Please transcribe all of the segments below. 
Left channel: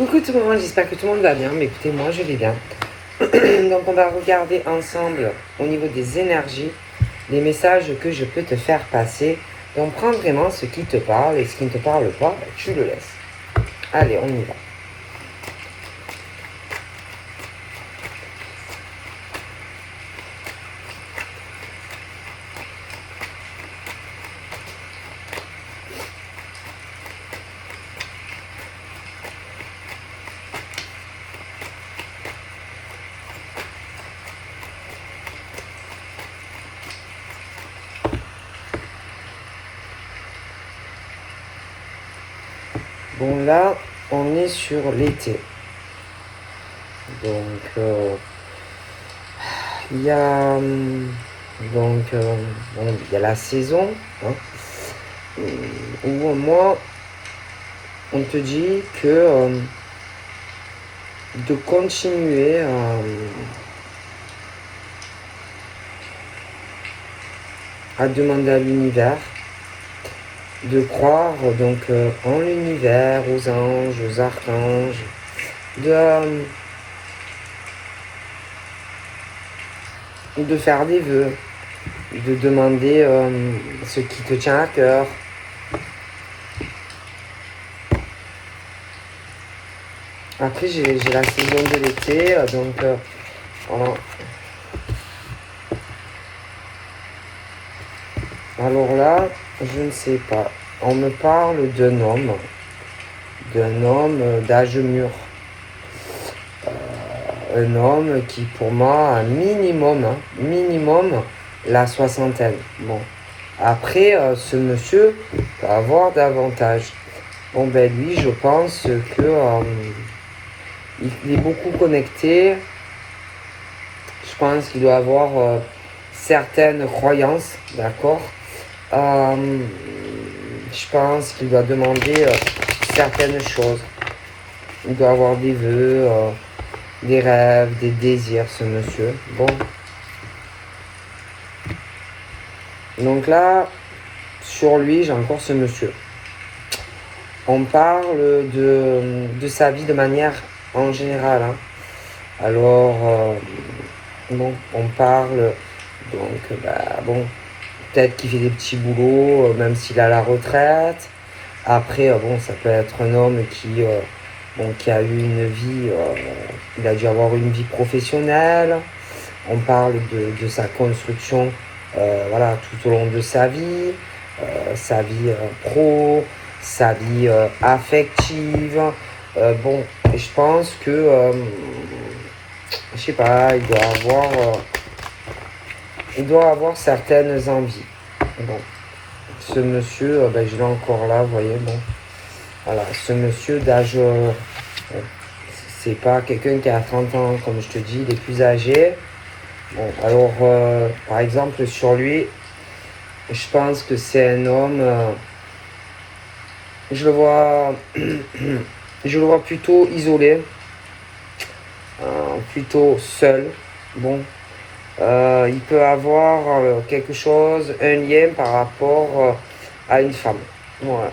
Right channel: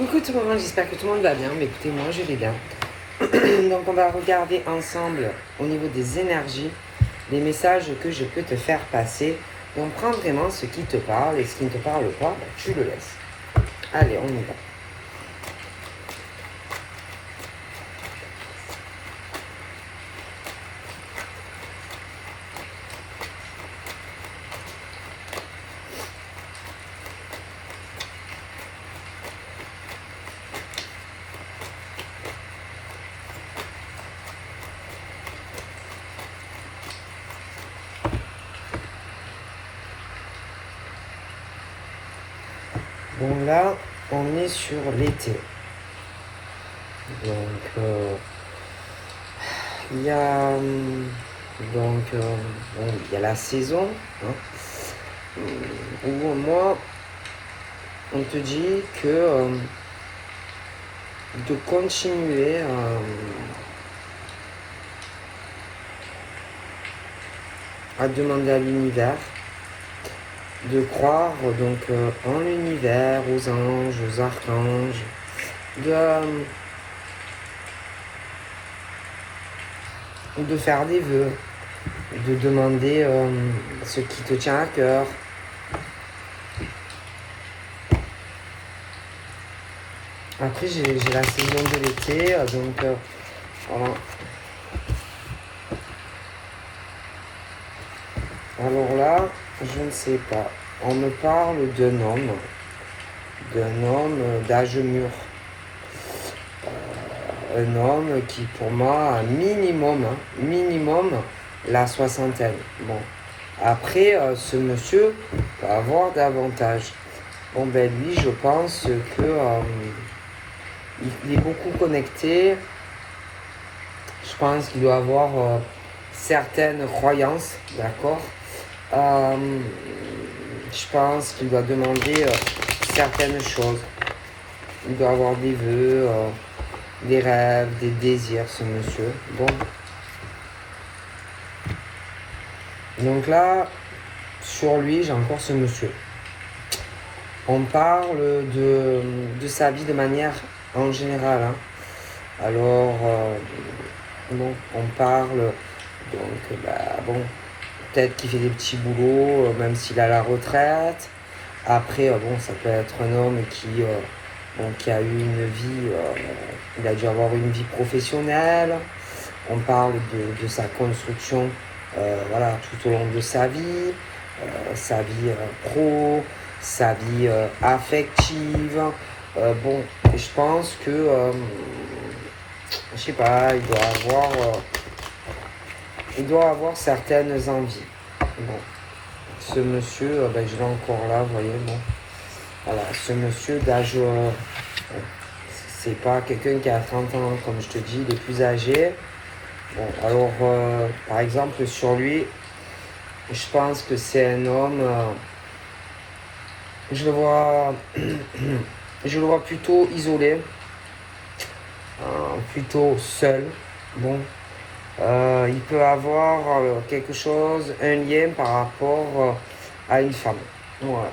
Coucou tout le monde, j'espère que tout le monde va bien. Mais écoutez, moi je vais bien. Donc on va regarder ensemble au niveau des énergies, les messages que je peux te faire passer. Donc prends vraiment ce qui te parle et ce qui ne te parle pas, tu le laisses. Allez, on y va. Bon là, on est sur l'été. Donc il y a bon, il y a la saison où moi on te dit que de continuer à demander à l'univers de croire donc en l'univers, aux anges, aux archanges, de faire des vœux, de demander ce qui te tient à cœur. Après j'ai la saison de l'été, donc voilà. Alors là, je ne sais pas. On me parle d'un homme d'âge mûr. Un homme qui pour moi a minimum la soixantaine. Bon. Après, ce monsieur peut avoir davantage. Bon ben lui, je pense que il est beaucoup connecté. Je pense qu'il doit avoir certaines croyances, d'accord. Je pense qu'il doit demander certaines choses. Il doit avoir des vœux, des rêves, des désirs, ce monsieur. Bon. Donc là, sur lui, j'ai encore ce monsieur. On parle de sa vie de manière en général. Hein. Alors, bon, on parle, donc, bon, peut-être qu'il fait des petits boulots, même s'il est à la retraite. Après, bon, ça peut être un homme qui a eu une vie, il a dû avoir une vie professionnelle. On parle de sa construction, voilà, tout au long de sa vie pro, sa vie affective. Bon, je pense que, je sais pas, il doit avoir certaines envies. Bon, ce monsieur, je l'ai encore là, vous voyez, bon. Voilà, ce monsieur d'âge, c'est pas quelqu'un qui a 30 ans, comme je te dis, il est plus âgé. Bon, alors, par exemple, sur lui, je pense que c'est un homme, je le vois plutôt isolé, plutôt seul. Bon, il peut avoir quelque chose, un lien par rapport à une femme. Ouais,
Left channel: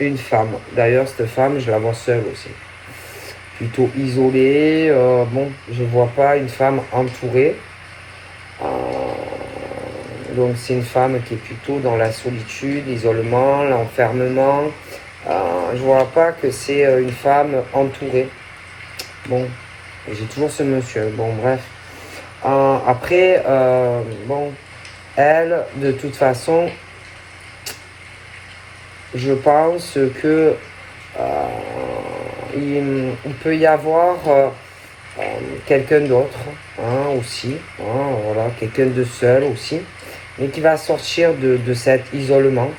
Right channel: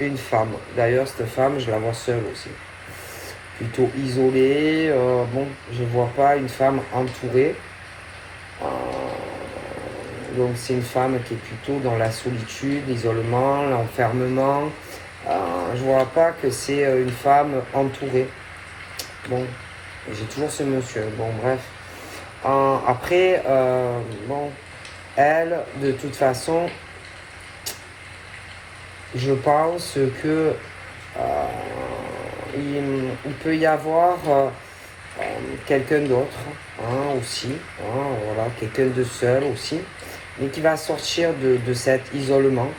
une femme. D'ailleurs, cette femme, je la vois seule aussi. Plutôt isolée. Bon, je vois pas une femme entourée. Donc c'est une femme qui est plutôt dans la solitude, l'isolement, l'enfermement. Je vois pas que c'est une femme entourée. Bon, j'ai toujours ce monsieur. Bon, bref. Après, bon, elle, de toute façon, je pense que il peut y avoir quelqu'un d'autre aussi, voilà, quelqu'un de seul aussi, mais qui va sortir de cet isolement.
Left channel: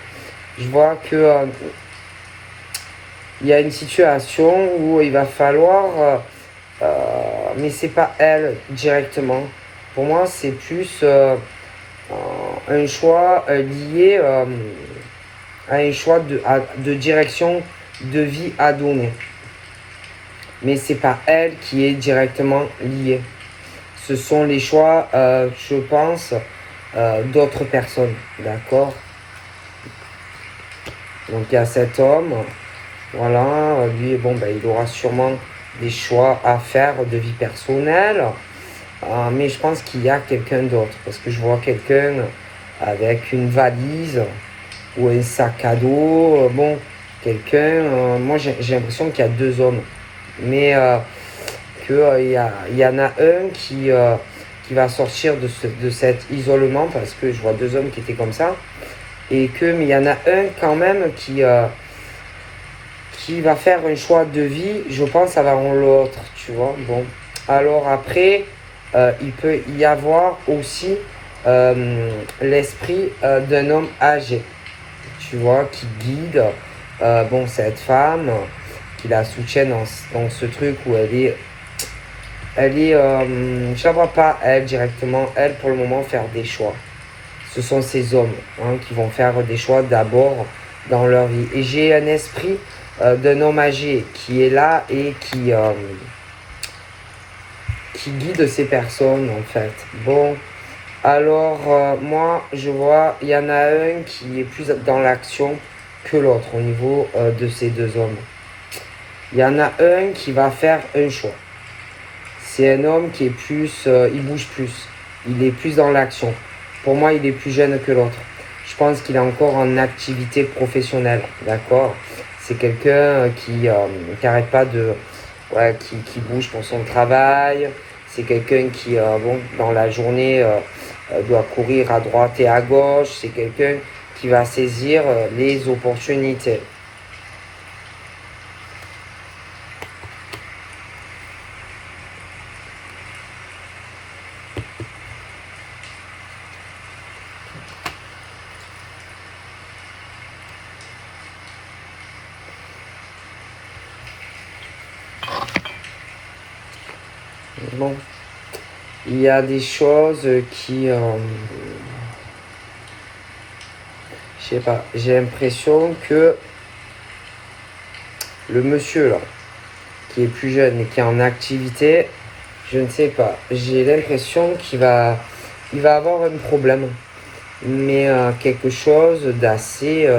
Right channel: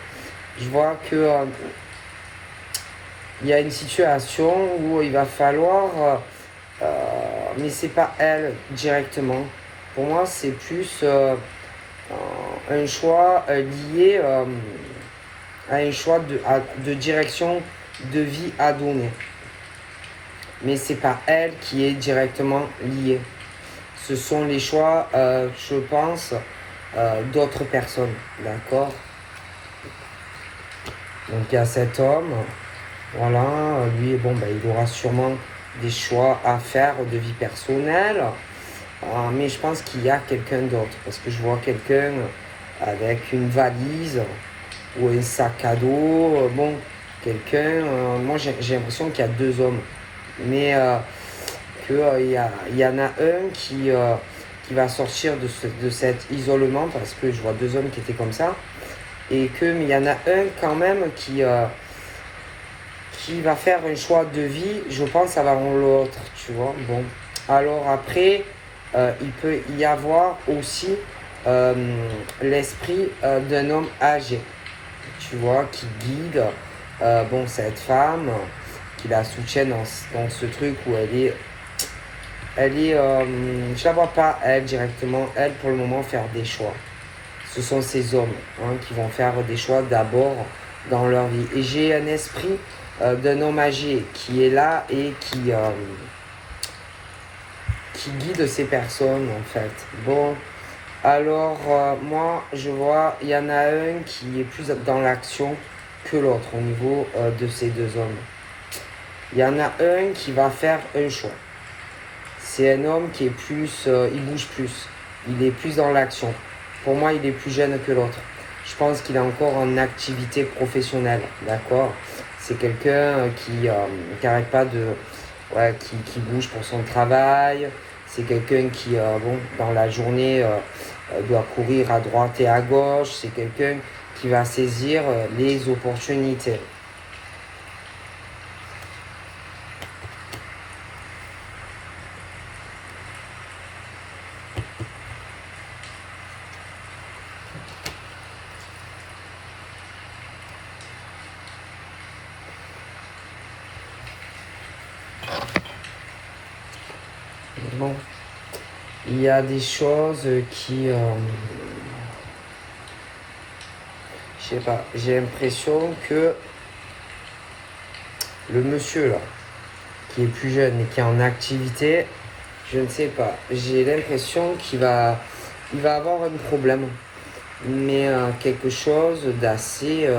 Je vois que il y a une situation où il va falloir, mais c'est pas elle directement. Pour moi, c'est plus un choix lié à un choix de direction de vie à donner. Mais c'est pas elle qui est directement liée. Ce sont les choix, je pense, d'autres personnes, d'accord. Donc il y a cet homme Voilà, lui, bon, ben, il aura sûrement des choix à faire de vie personnelle. Mais je pense qu'il y a quelqu'un d'autre. Parce que je vois quelqu'un avec une valise ou un sac à dos. Bon, quelqu'un. Moi, j'ai l'impression qu'il y a deux hommes. Mais il y en a un qui va sortir de cet isolement. Parce que je vois deux hommes qui étaient comme ça. Mais il y en a un quand même qui va faire un choix de vie, je pense, avant l'autre, tu vois. Bon, alors après, il peut y avoir aussi l'esprit d'un homme âgé, tu vois, qui guide, bon, cette femme, qui la soutient dans ce truc où je la vois pas, elle, directement, elle, pour le moment, faire des choix. Ce sont ces hommes hein, qui vont faire des choix d'abord dans leur vie. Et j'ai un esprit d'un homme âgé qui est là et qui guide ces personnes en fait. Bon, alors moi je vois, il y en a un qui est plus dans l'action que l'autre au niveau de ces deux hommes. Il y en a un qui va faire un choix. C'est un homme qui est plus, il bouge plus, il est plus dans l'action. Pour moi, il est plus jeune que l'autre. Je pense qu'il est encore en activité professionnelle, d'accord. C'est quelqu'un qui n'arrête pas de, ouais, qui bouge pour son travail. C'est quelqu'un qui, bon, dans la journée, doit courir à droite et à gauche. C'est quelqu'un qui va saisir les opportunités. Bon, il y a des choses qui, je sais pas, j'ai l'impression que le monsieur là, qui est plus jeune et qui est en activité, je ne sais pas. J'ai l'impression il va avoir un problème, mais quelque chose d'assez,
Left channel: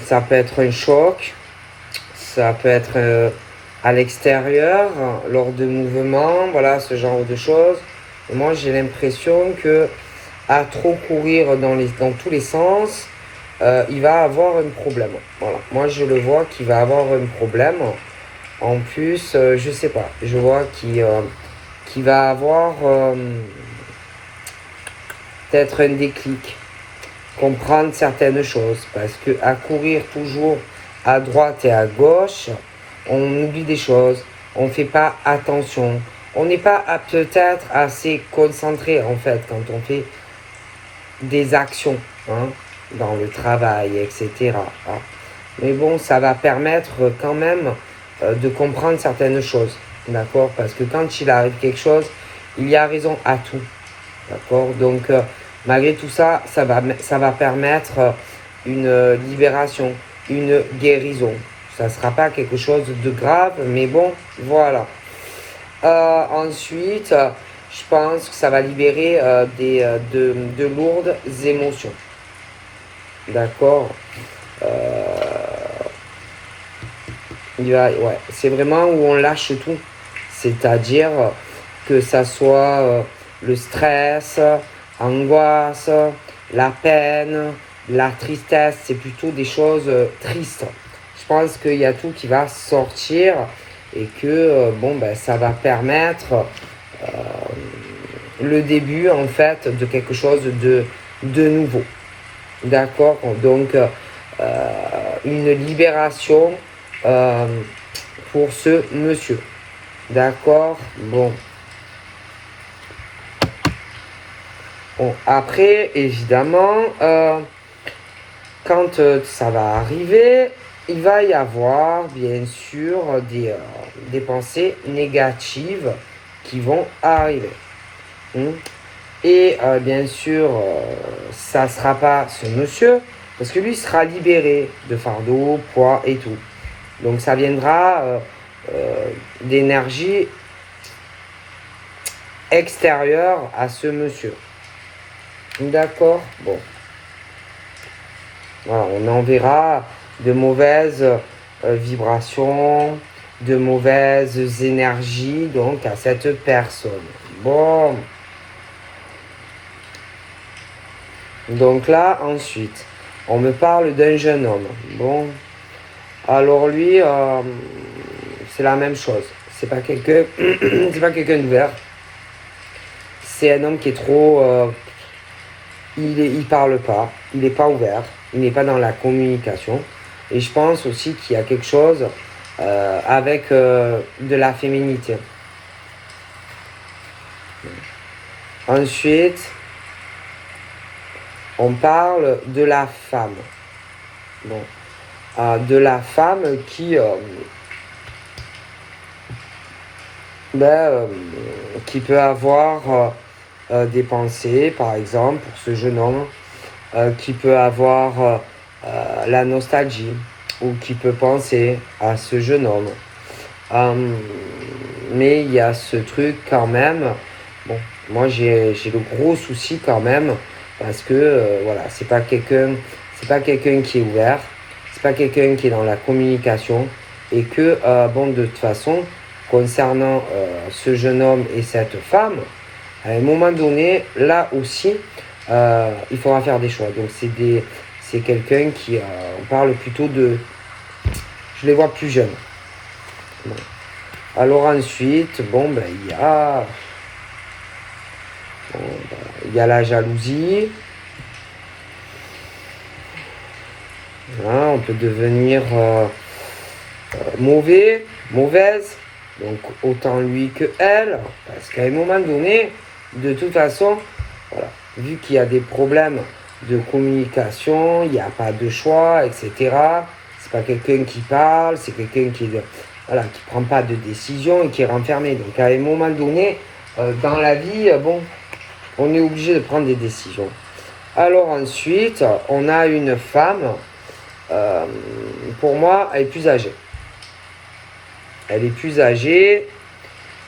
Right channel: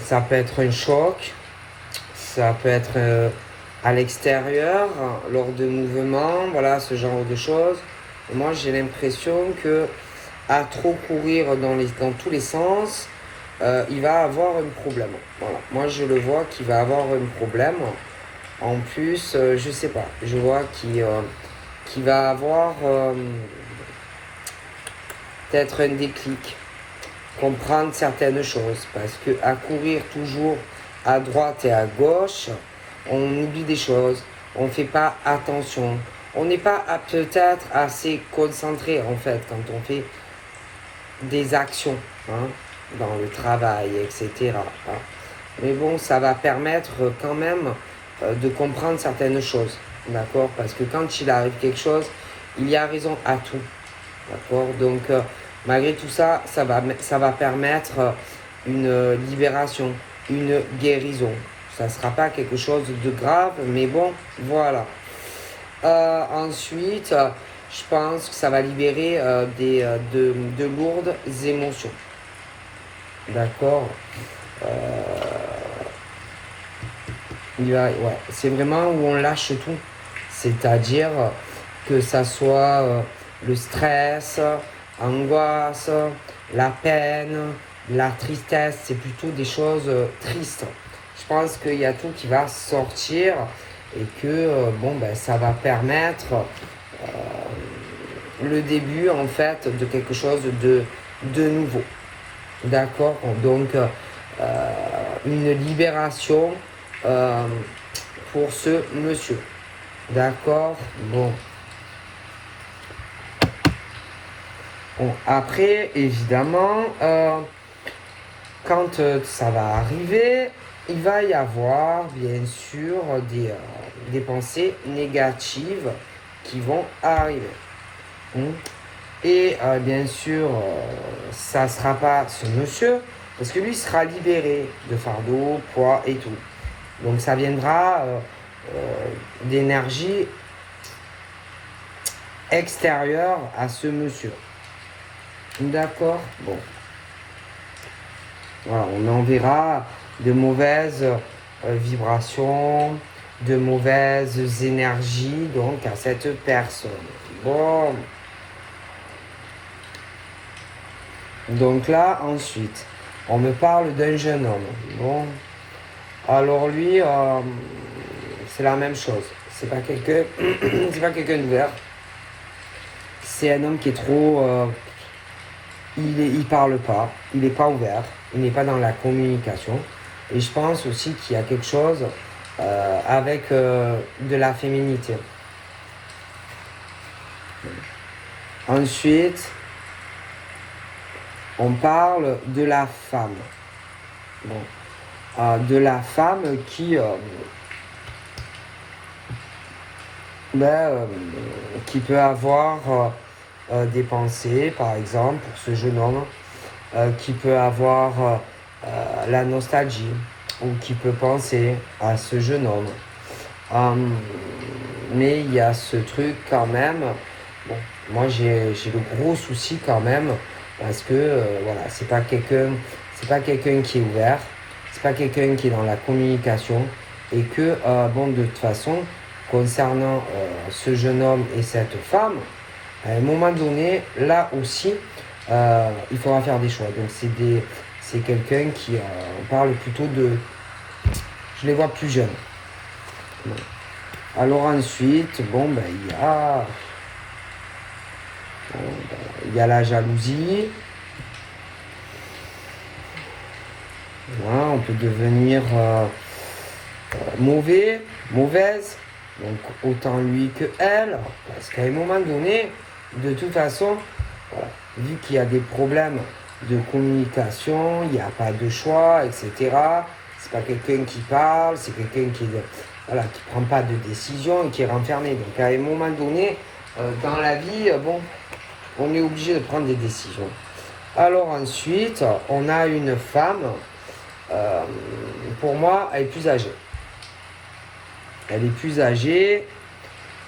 ça peut être un choc, ça peut être à l'extérieur, lors de mouvements, voilà, ce genre de choses. Et moi, j'ai l'impression que à trop courir dans tous les sens, il va avoir un problème. Voilà. Moi, je le vois qu'il va avoir un problème. En plus, je sais pas. Je vois qu'il va avoir peut-être un déclic, comprendre certaines choses. Parce que à courir toujours à droite et à gauche, on oublie des choses. On ne fait pas attention. On n'est pas peut-être assez concentré en fait quand on fait des actions hein, dans le travail, etc. Hein. Mais bon, ça va permettre quand même de comprendre certaines choses. D'accord. Parce que quand il arrive quelque chose, il y a raison à tout. D'accord. Donc, malgré tout ça, ça va permettre une libération, une guérison. Ça ne sera pas quelque chose de grave, mais bon, voilà. Ensuite, je pense que ça va libérer de lourdes émotions. D'accord. Ouais, c'est vraiment où on lâche tout. C'est-à-dire que ça soit le stress, angoisse, la peine, la tristesse, c'est plutôt des choses tristes. Je pense qu'il y a tout qui va sortir et que bon, ben, ça va permettre le début en fait de quelque chose de nouveau. D'accord. Donc une libération pour ce monsieur. D'accord. Bon. Bon. Après, évidemment, quand ça va arriver, il va y avoir bien sûr des pensées négatives qui vont arriver. Et bien sûr, ça ne sera pas ce monsieur, parce que lui sera libéré de fardeau, poids et tout. Donc ça viendra d'énergie extérieure à ce monsieur. D'accord. Bon. Voilà, on enverra de mauvaises vibrations, de mauvaises énergies donc à cette personne. Bon. Donc là, ensuite, on me parle d'un jeune homme. Bon. Alors lui, c'est la même chose. C'est pas quelqu'un, c'est pas quelqu'un d'ouvert. C'est un homme qui est trop, il parle pas, il n'est pas ouvert, il n'est pas dans la communication. Et je pense aussi qu'il y a quelque chose avec de la féminité. Ensuite, on parle de la femme. Bon. De la femme qui peut avoir des pensées, par exemple, pour ce jeune homme, qui peut avoir la nostalgie, ou qui peut penser à ce jeune homme. Mais il y a ce truc quand même, bon, moi j'ai le gros souci quand même, parce que voilà, c'est pas quelqu'un qui est ouvert, c'est pas quelqu'un qui est dans la communication, et que bon, de toute façon, concernant ce jeune homme et cette femme, à un moment donné, là aussi, il faudra faire des choix. Donc c'est quelqu'un qui, on parle plutôt de, je les vois plus jeunes. Bon. Alors ensuite, bon, ben, il y a la jalousie. Hein, on peut devenir mauvaise. Donc autant lui que elle. Parce qu'à un moment donné, de toute façon, voilà, vu qu'il y a des problèmes de communication, il n'y a pas de choix, etc. C'est pas quelqu'un qui parle, c'est quelqu'un qui prend pas de décision et qui est renfermé. Donc à un moment donné, dans la vie, bon, on est obligé de prendre des décisions. Alors ensuite, on a une femme, pour moi, elle est plus âgée. Elle est plus âgée.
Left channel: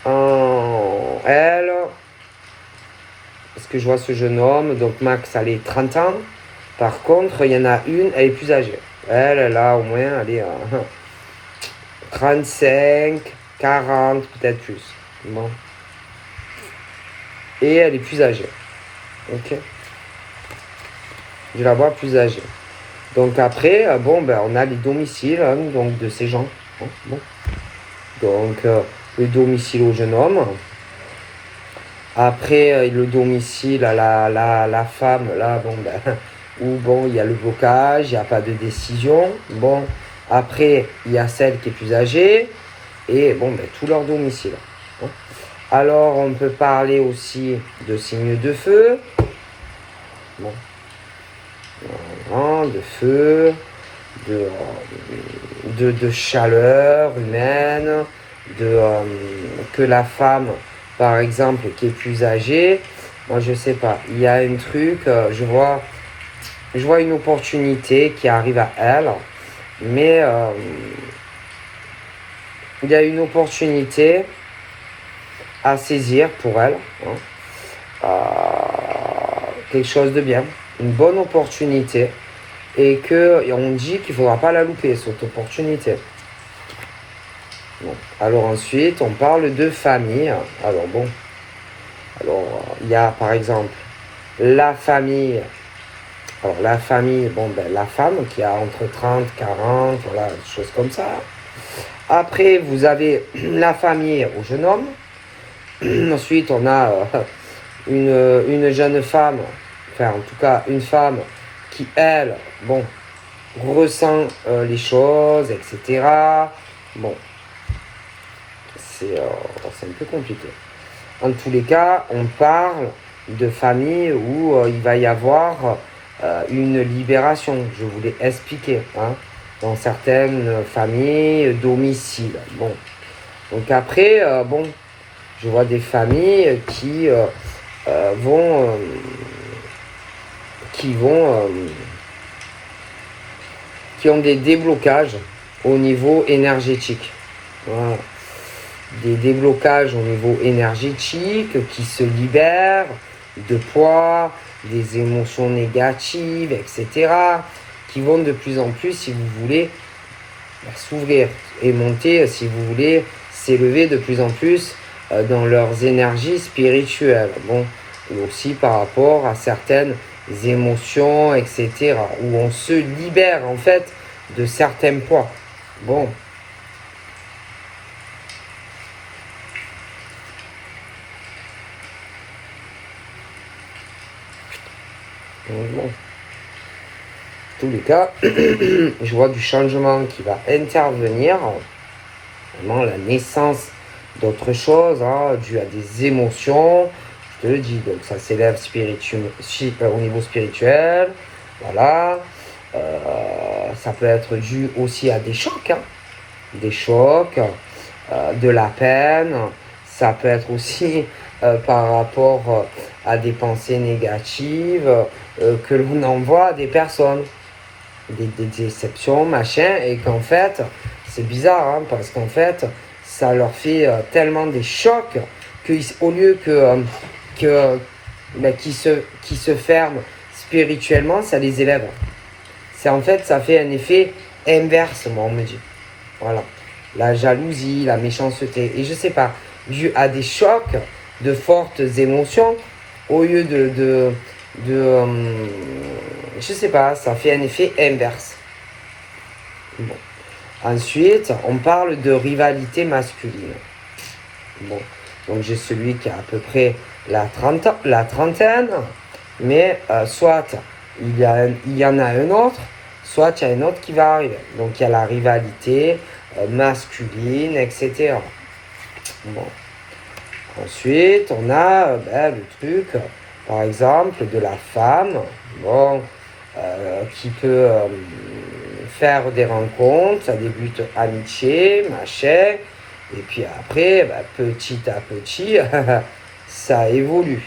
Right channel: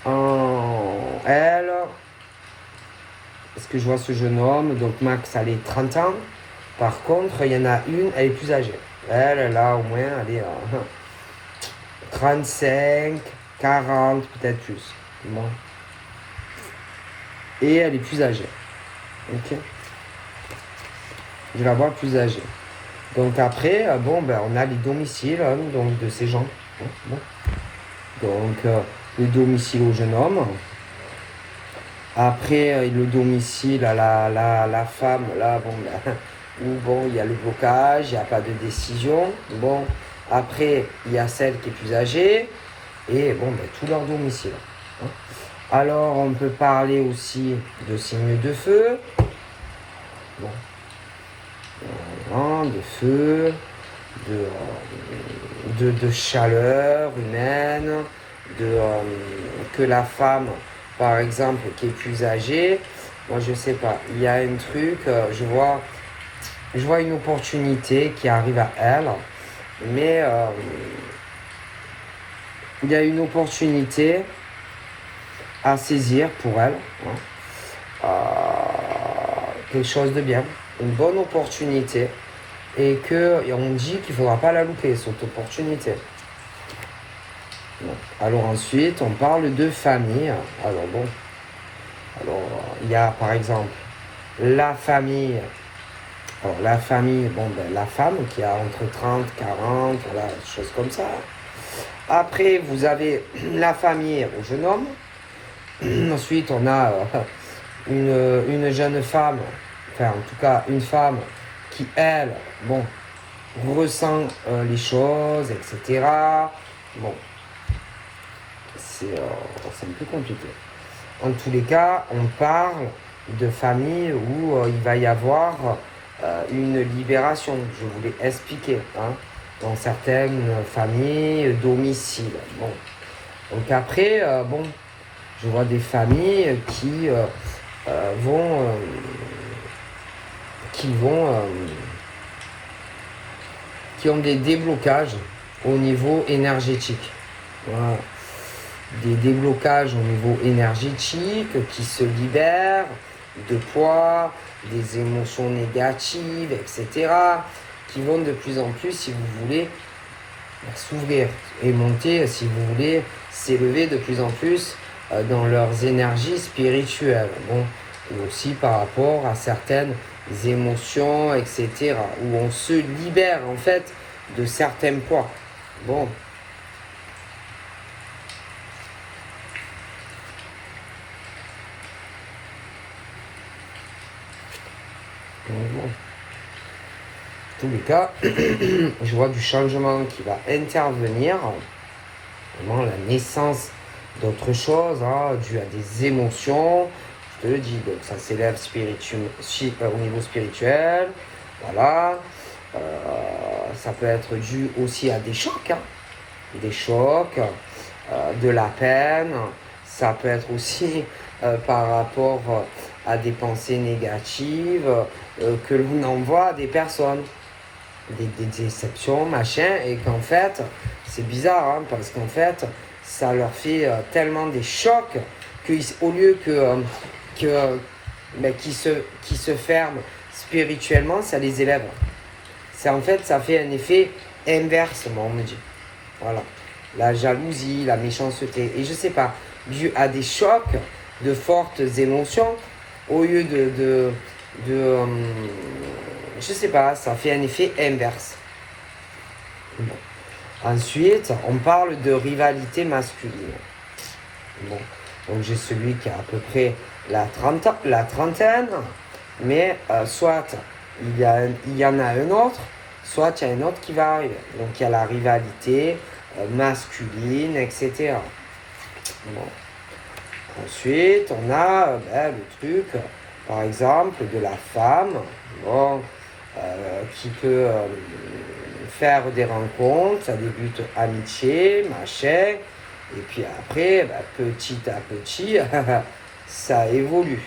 Elle, parce que je vois ce jeune homme, donc Max, elle est 30 ans. Par contre, il y en a une, elle est plus âgée. Elle a au moins, elle est 35, 40, peut-être plus. Bon. Et elle est plus âgée. Ok. Je la vois plus âgée. Donc après, bon, ben, on a les domiciles hein, donc de ces gens. Bon. Donc, le domicile au jeune homme. Après, le domicile à la femme, là, bon, ben, où bon, il y a le blocage, il n'y a pas de décision. Bon, après, il y a celle qui est plus âgée. Et bon, ben, tout leur domicile. Hein. Alors, on peut parler aussi de signes de feu. Bon. De feu, de chaleur humaine, que la femme, par exemple, qui est plus âgée, moi je sais pas, il y a un truc, je vois une opportunité qui arrive à elle, mais il y a une opportunité à saisir pour elle, hein, quelque chose de bien, une bonne opportunité, et on dit qu'il ne faudra pas la louper, cette opportunité. Bon. Alors ensuite, on parle de famille. Alors bon, il y a par exemple la famille. Alors la famille, bon ben la femme qui a entre 30, 40, voilà, des choses comme ça. Après, vous avez la famille au jeune homme. Ensuite, on a une jeune femme, enfin en tout cas une femme qui, elle, bon, ressent les choses, etc. Bon, c'est un peu compliqué. En tous les cas, on parle de famille où il va y avoir une libération. Je vous l'ai expliqué, hein, dans certaines familles, domicile. Bon, donc après, bon, je vois des familles qui ont des déblocages au niveau énergétique. Voilà. Des déblocages au niveau énergétique qui se libèrent de poids, des émotions négatives, etc., qui vont de plus en plus, si vous voulez, s'ouvrir et monter, si vous voulez, s'élever de plus en plus dans leurs énergies spirituelles. Bon, ou aussi par rapport à certaines émotions, etc. Où on se libère en fait de certains poids. Bon. Bon. Tous les cas, je vois du changement qui va intervenir, vraiment la naissance d'autres choses, hein, dû à des émotions, je te le dis, donc ça s'élève au niveau spirituel, voilà, ça peut être dû aussi à des chocs, hein, de la peine, ça peut être aussi par rapport à des pensées négatives que l'on envoie à des personnes. Des déceptions, machin, et qu'en fait, c'est bizarre, hein, parce qu'en fait, ça leur fait tellement des chocs qu'au lieu qu'ils se ferment spirituellement, ça les élève. C'est en fait, ça fait un effet inverse, moi, on me dit. Voilà. La jalousie, la méchanceté, et je sais pas, dû à des chocs de fortes émotions, au lieu je sais pas, ça fait un effet inverse. Bon. Ensuite, on parle de rivalité masculine. Bon. Donc j'ai celui qui a à peu près la trentaine, mais soit il y en a un autre, soit il y a un autre qui va arriver. Donc il y a la rivalité masculine, etc. Bon. Ensuite, on a le truc, par exemple, de la femme, bon, qui peut faire des rencontres, ça débute amitié, machin, et puis après, petit à petit, ça évolue,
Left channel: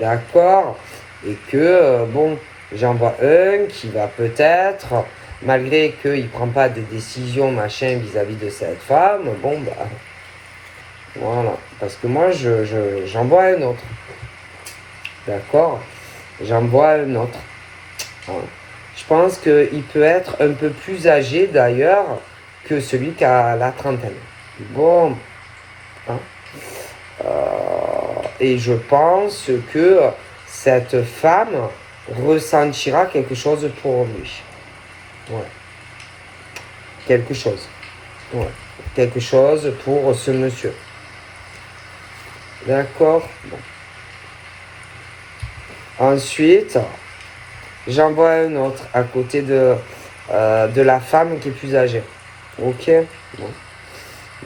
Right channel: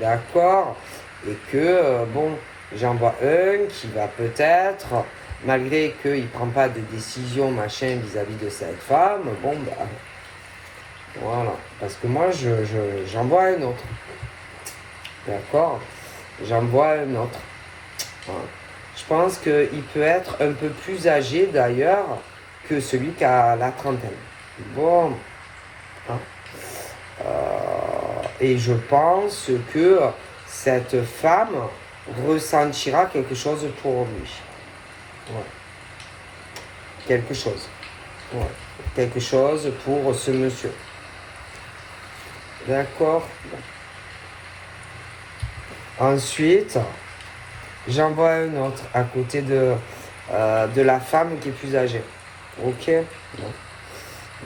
d'accord? Et que, bon, j'en vois un qui va peut-être, malgré qu'il ne prend pas de décision, machin, vis-à-vis de cette femme, bon, voilà, parce que moi, j'en vois un autre. D'accord? J'en vois un autre. Voilà. Je pense qu'il peut être un peu plus âgé d'ailleurs que celui qui a la trentaine. Bon. Hein? Et je pense que cette femme ressentira quelque chose pour lui. Ouais. Quelque chose. Ouais. Quelque chose pour ce monsieur. D'accord? Bon. Ensuite, j'en vois un autre à côté de la femme qui est plus âgée. Ok? Bon.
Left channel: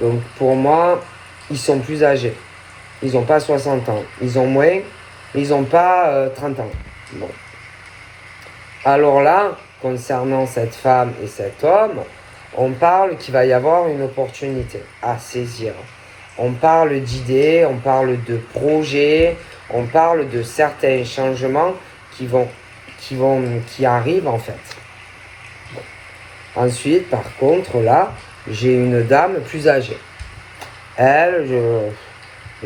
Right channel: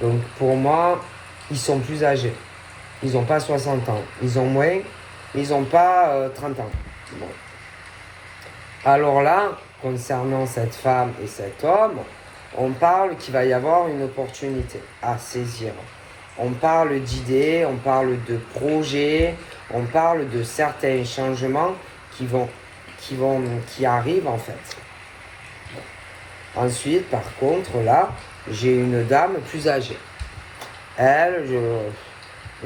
Donc pour moi, ils sont plus âgés. Ils n'ont pas 60 ans. Ils ont moins, mais ils n'ont pas 30 ans. Bon. Alors là, concernant cette femme et cet homme, on parle qu'il va y avoir une opportunité à saisir. On parle d'idées, on parle de projets, on parle de certains changements qui arrivent en fait. Ensuite, par contre, là, j'ai une dame plus âgée. Elle,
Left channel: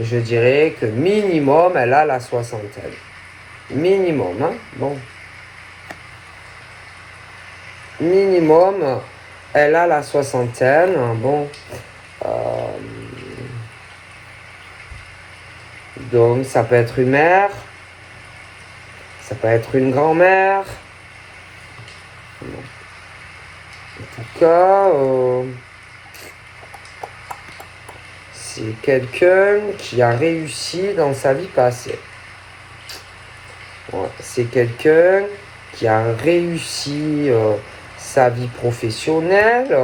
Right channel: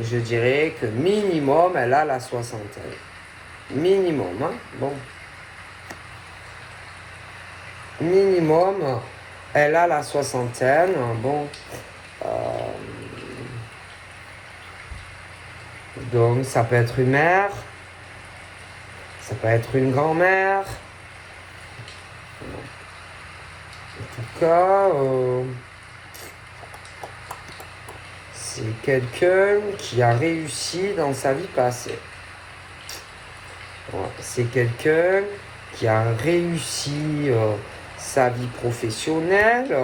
je dirais que minimum, elle a la soixantaine. Minimum, hein? Bon. Minimum, elle a la soixantaine. Bon. Donc, ça peut être une mère. Ça peut être une grand-mère. En tout cas, c'est quelqu'un qui a réussi dans sa vie passée. Ouais, c'est quelqu'un qui a réussi sa vie professionnelle.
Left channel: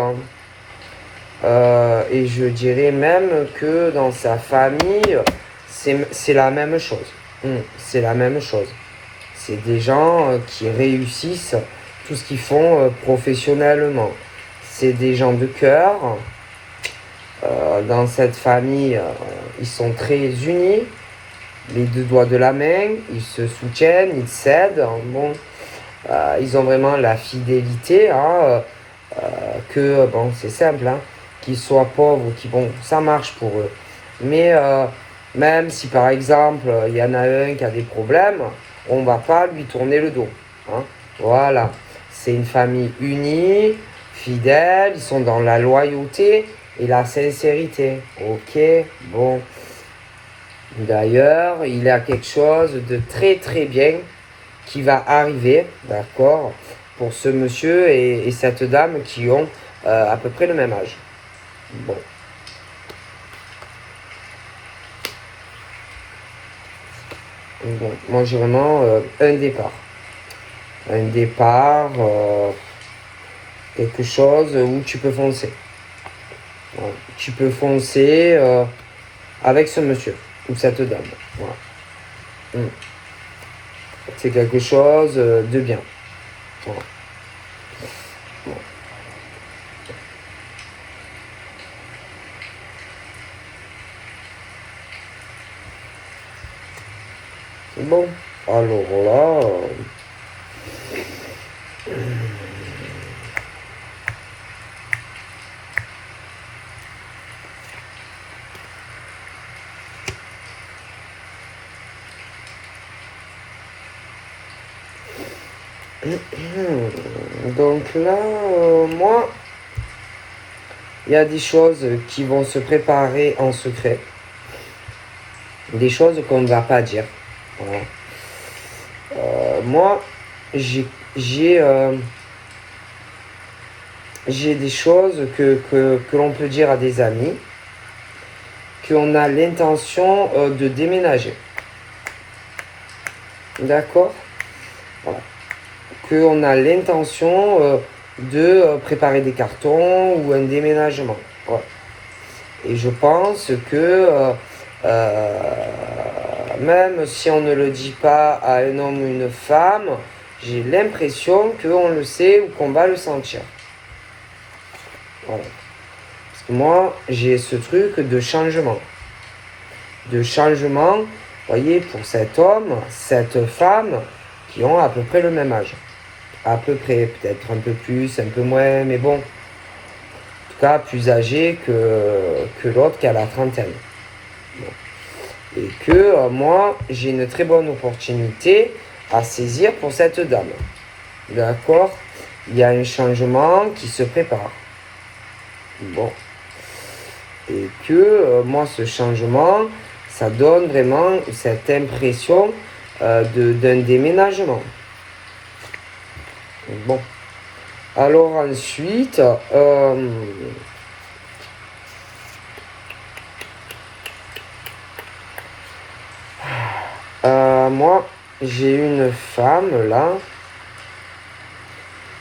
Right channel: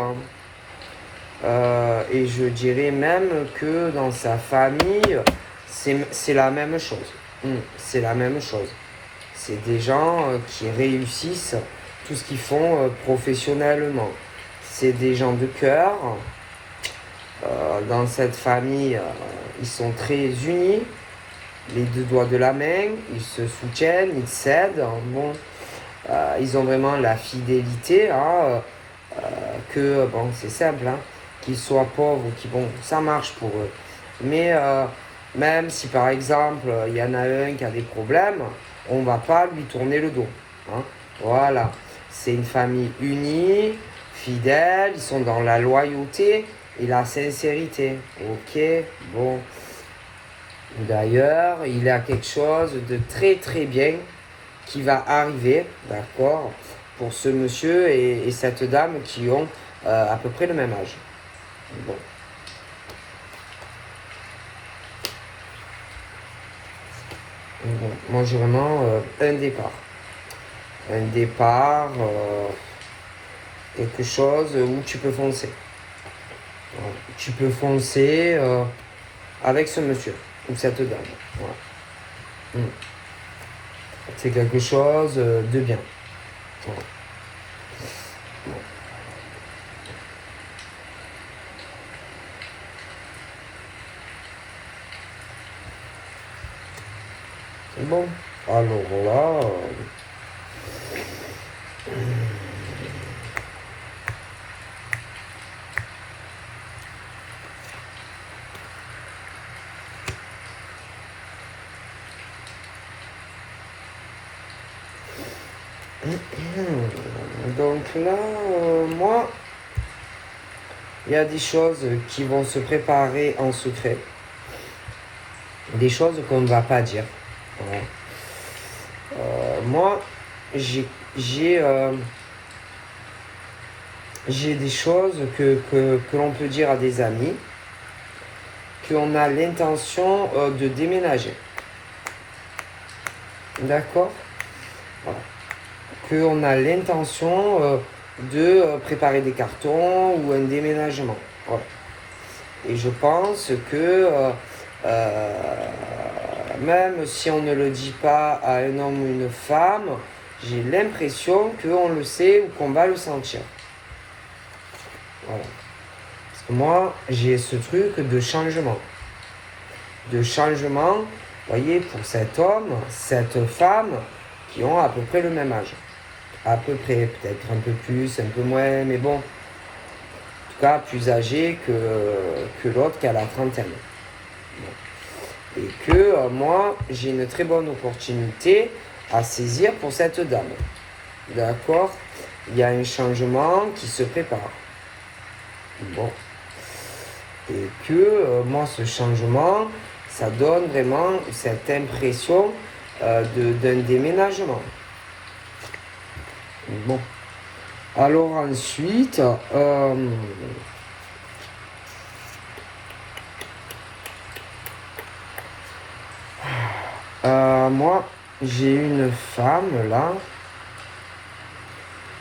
Et je dirais même que dans sa famille, c'est la même chose. C'est la même chose. C'est des gens qui réussissent tout ce qu'ils font professionnellement. C'est des gens de cœur. Dans cette famille, ils sont très unis. Les deux doigts de la main, ils se soutiennent, ils s'aident. Bon, ils ont vraiment la fidélité, hein, que, bon, c'est simple, hein, qu'ils soient pauvres ou qu'ils, bon, ça marche pour eux. Mais même si, par exemple, il y en a un qui a des problèmes, on ne va pas lui tourner le dos. Hein, voilà. c'est une famille unie, fidèle, ils sont dans la loyauté et la sincérité. Ok, bon. D'ailleurs, il y a quelque chose de très très bien qui va arriver, d'accord, pour ce monsieur et cette dame qui ont à peu près le même âge. Bon. Bon, moi j'ai vraiment un départ. Un départ, quelque chose où tu peux foncer. Voilà. Tu peux foncer avec ce monsieur ou cette dame. Voilà. C'est quelque chose de bien. Voilà. Bon, alors là, donc là, moi, il y a des choses qui vont se préparer en secret. Des choses qu'on ne va pas dire. Voilà. Moi, j'ai des choses que l'on peut dire à des amis, qu'on a l'intention de déménager. D'accord? Voilà. Qu'on a l'intention de préparer des cartons ou un déménagement. Ouais. Et je pense que même si on ne le dit pas à un homme ou une femme, j'ai l'impression qu'on le sait ou qu'on va le sentir. Voilà. Parce que moi, j'ai ce truc de changement. De changement, vous voyez, pour cet homme, cette femme, qui ont à peu près le même âge. À peu près, peut-être un peu plus, un peu moins, mais bon. En tout cas, plus âgé que l'autre qui a la trentaine. Bon. Et que moi, j'ai une très bonne opportunité à saisir pour cette dame. D'accord? Il y a un changement qui se prépare. Bon. Et que moi, ce changement, ça donne vraiment cette impression d'un déménagement. Bon. Alors ensuite, moi, j'ai une femme là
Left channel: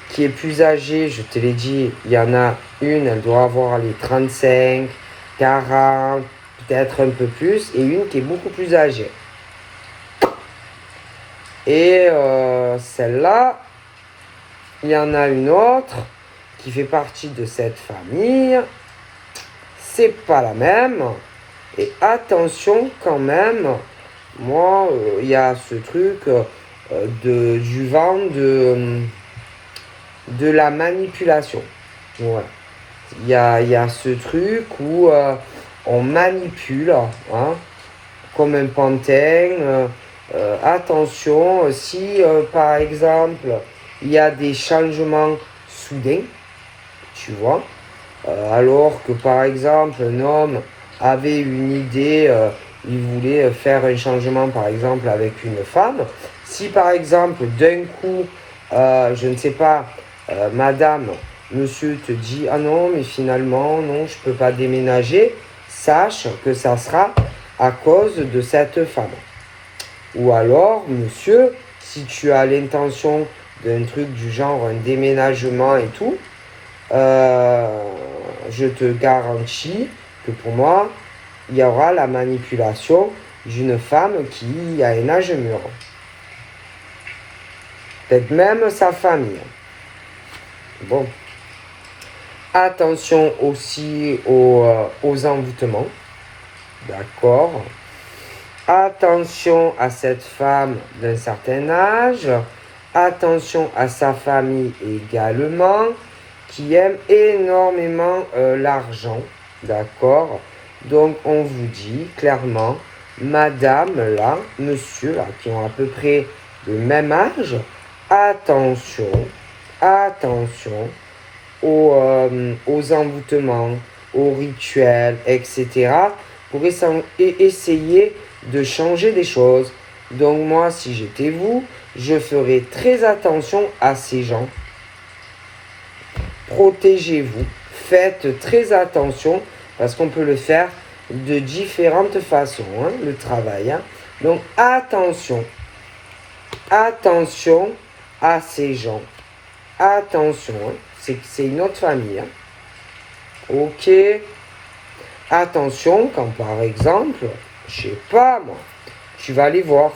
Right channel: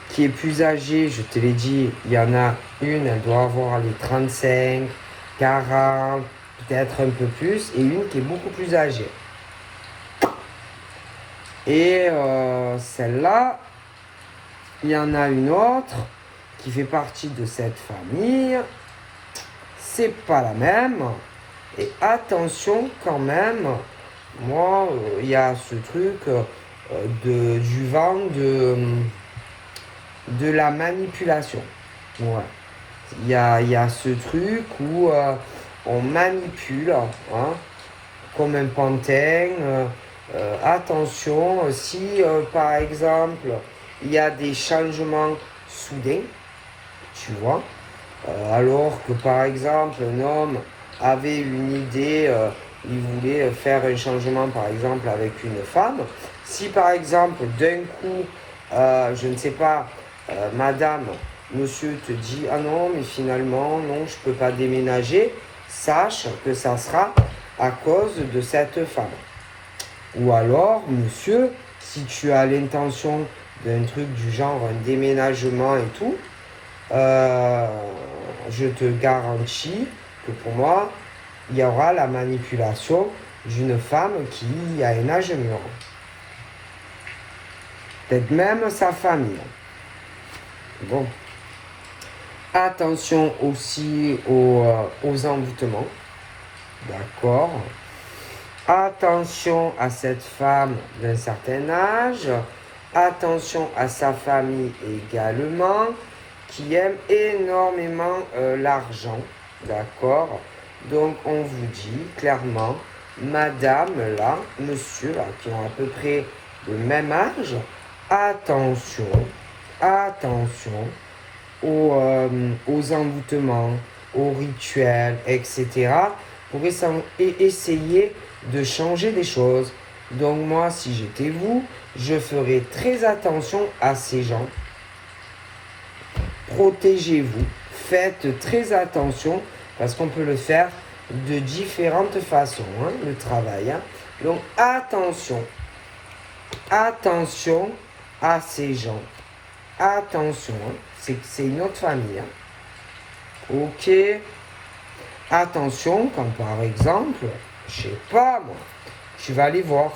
qui est plus âgée, je te l'ai dit, il y en a une, elle doit avoir les 35, 40, peut-être un peu plus, et une qui est beaucoup plus âgée. Et celle-là, il y en a une autre qui fait partie de cette famille. C'est pas la même. Et attention quand même, moi, il y a ce truc du vent de la manipulation. Ouais. Il y a ce truc où on manipule, hein, comme un pantin. Attention, si par exemple il y a des changements soudains, tu vois, alors que par exemple un homme avait une idée, il voulait faire un changement par exemple avec une femme, si par exemple d'un coup, je ne sais pas, madame, monsieur te dit ah non mais finalement non je peux pas déménager, sache que ça sera à cause de cette femme. Ou alors, monsieur, si tu as l'intention d'un truc du genre un déménagement et tout, je te garantis que pour moi, il y aura la manipulation d'une femme qui a un âge mûr. Peut-être même sa famille. Bon. Attention aussi aux envoûtements. D'accord. Attention à cette femme d'un certain âge. Attention à sa famille également, qui aime énormément l'argent. D'accord? Donc, on vous dit clairement, madame là, monsieur là, qui ont à peu près le même âge, attention, attention aux envoûtements, aux rituels, etc. pour essayer de changer des choses. Donc moi, si j'étais vous, je ferais très attention à ces gens. Protégez-vous, faites très attention parce qu'on peut le faire de différentes façons, hein, le travail. Hein. Donc attention à ces gens. Attention, hein, c'est une autre famille. Hein. Ok. Attention quand par exemple, je sais pas moi, tu vas les voir,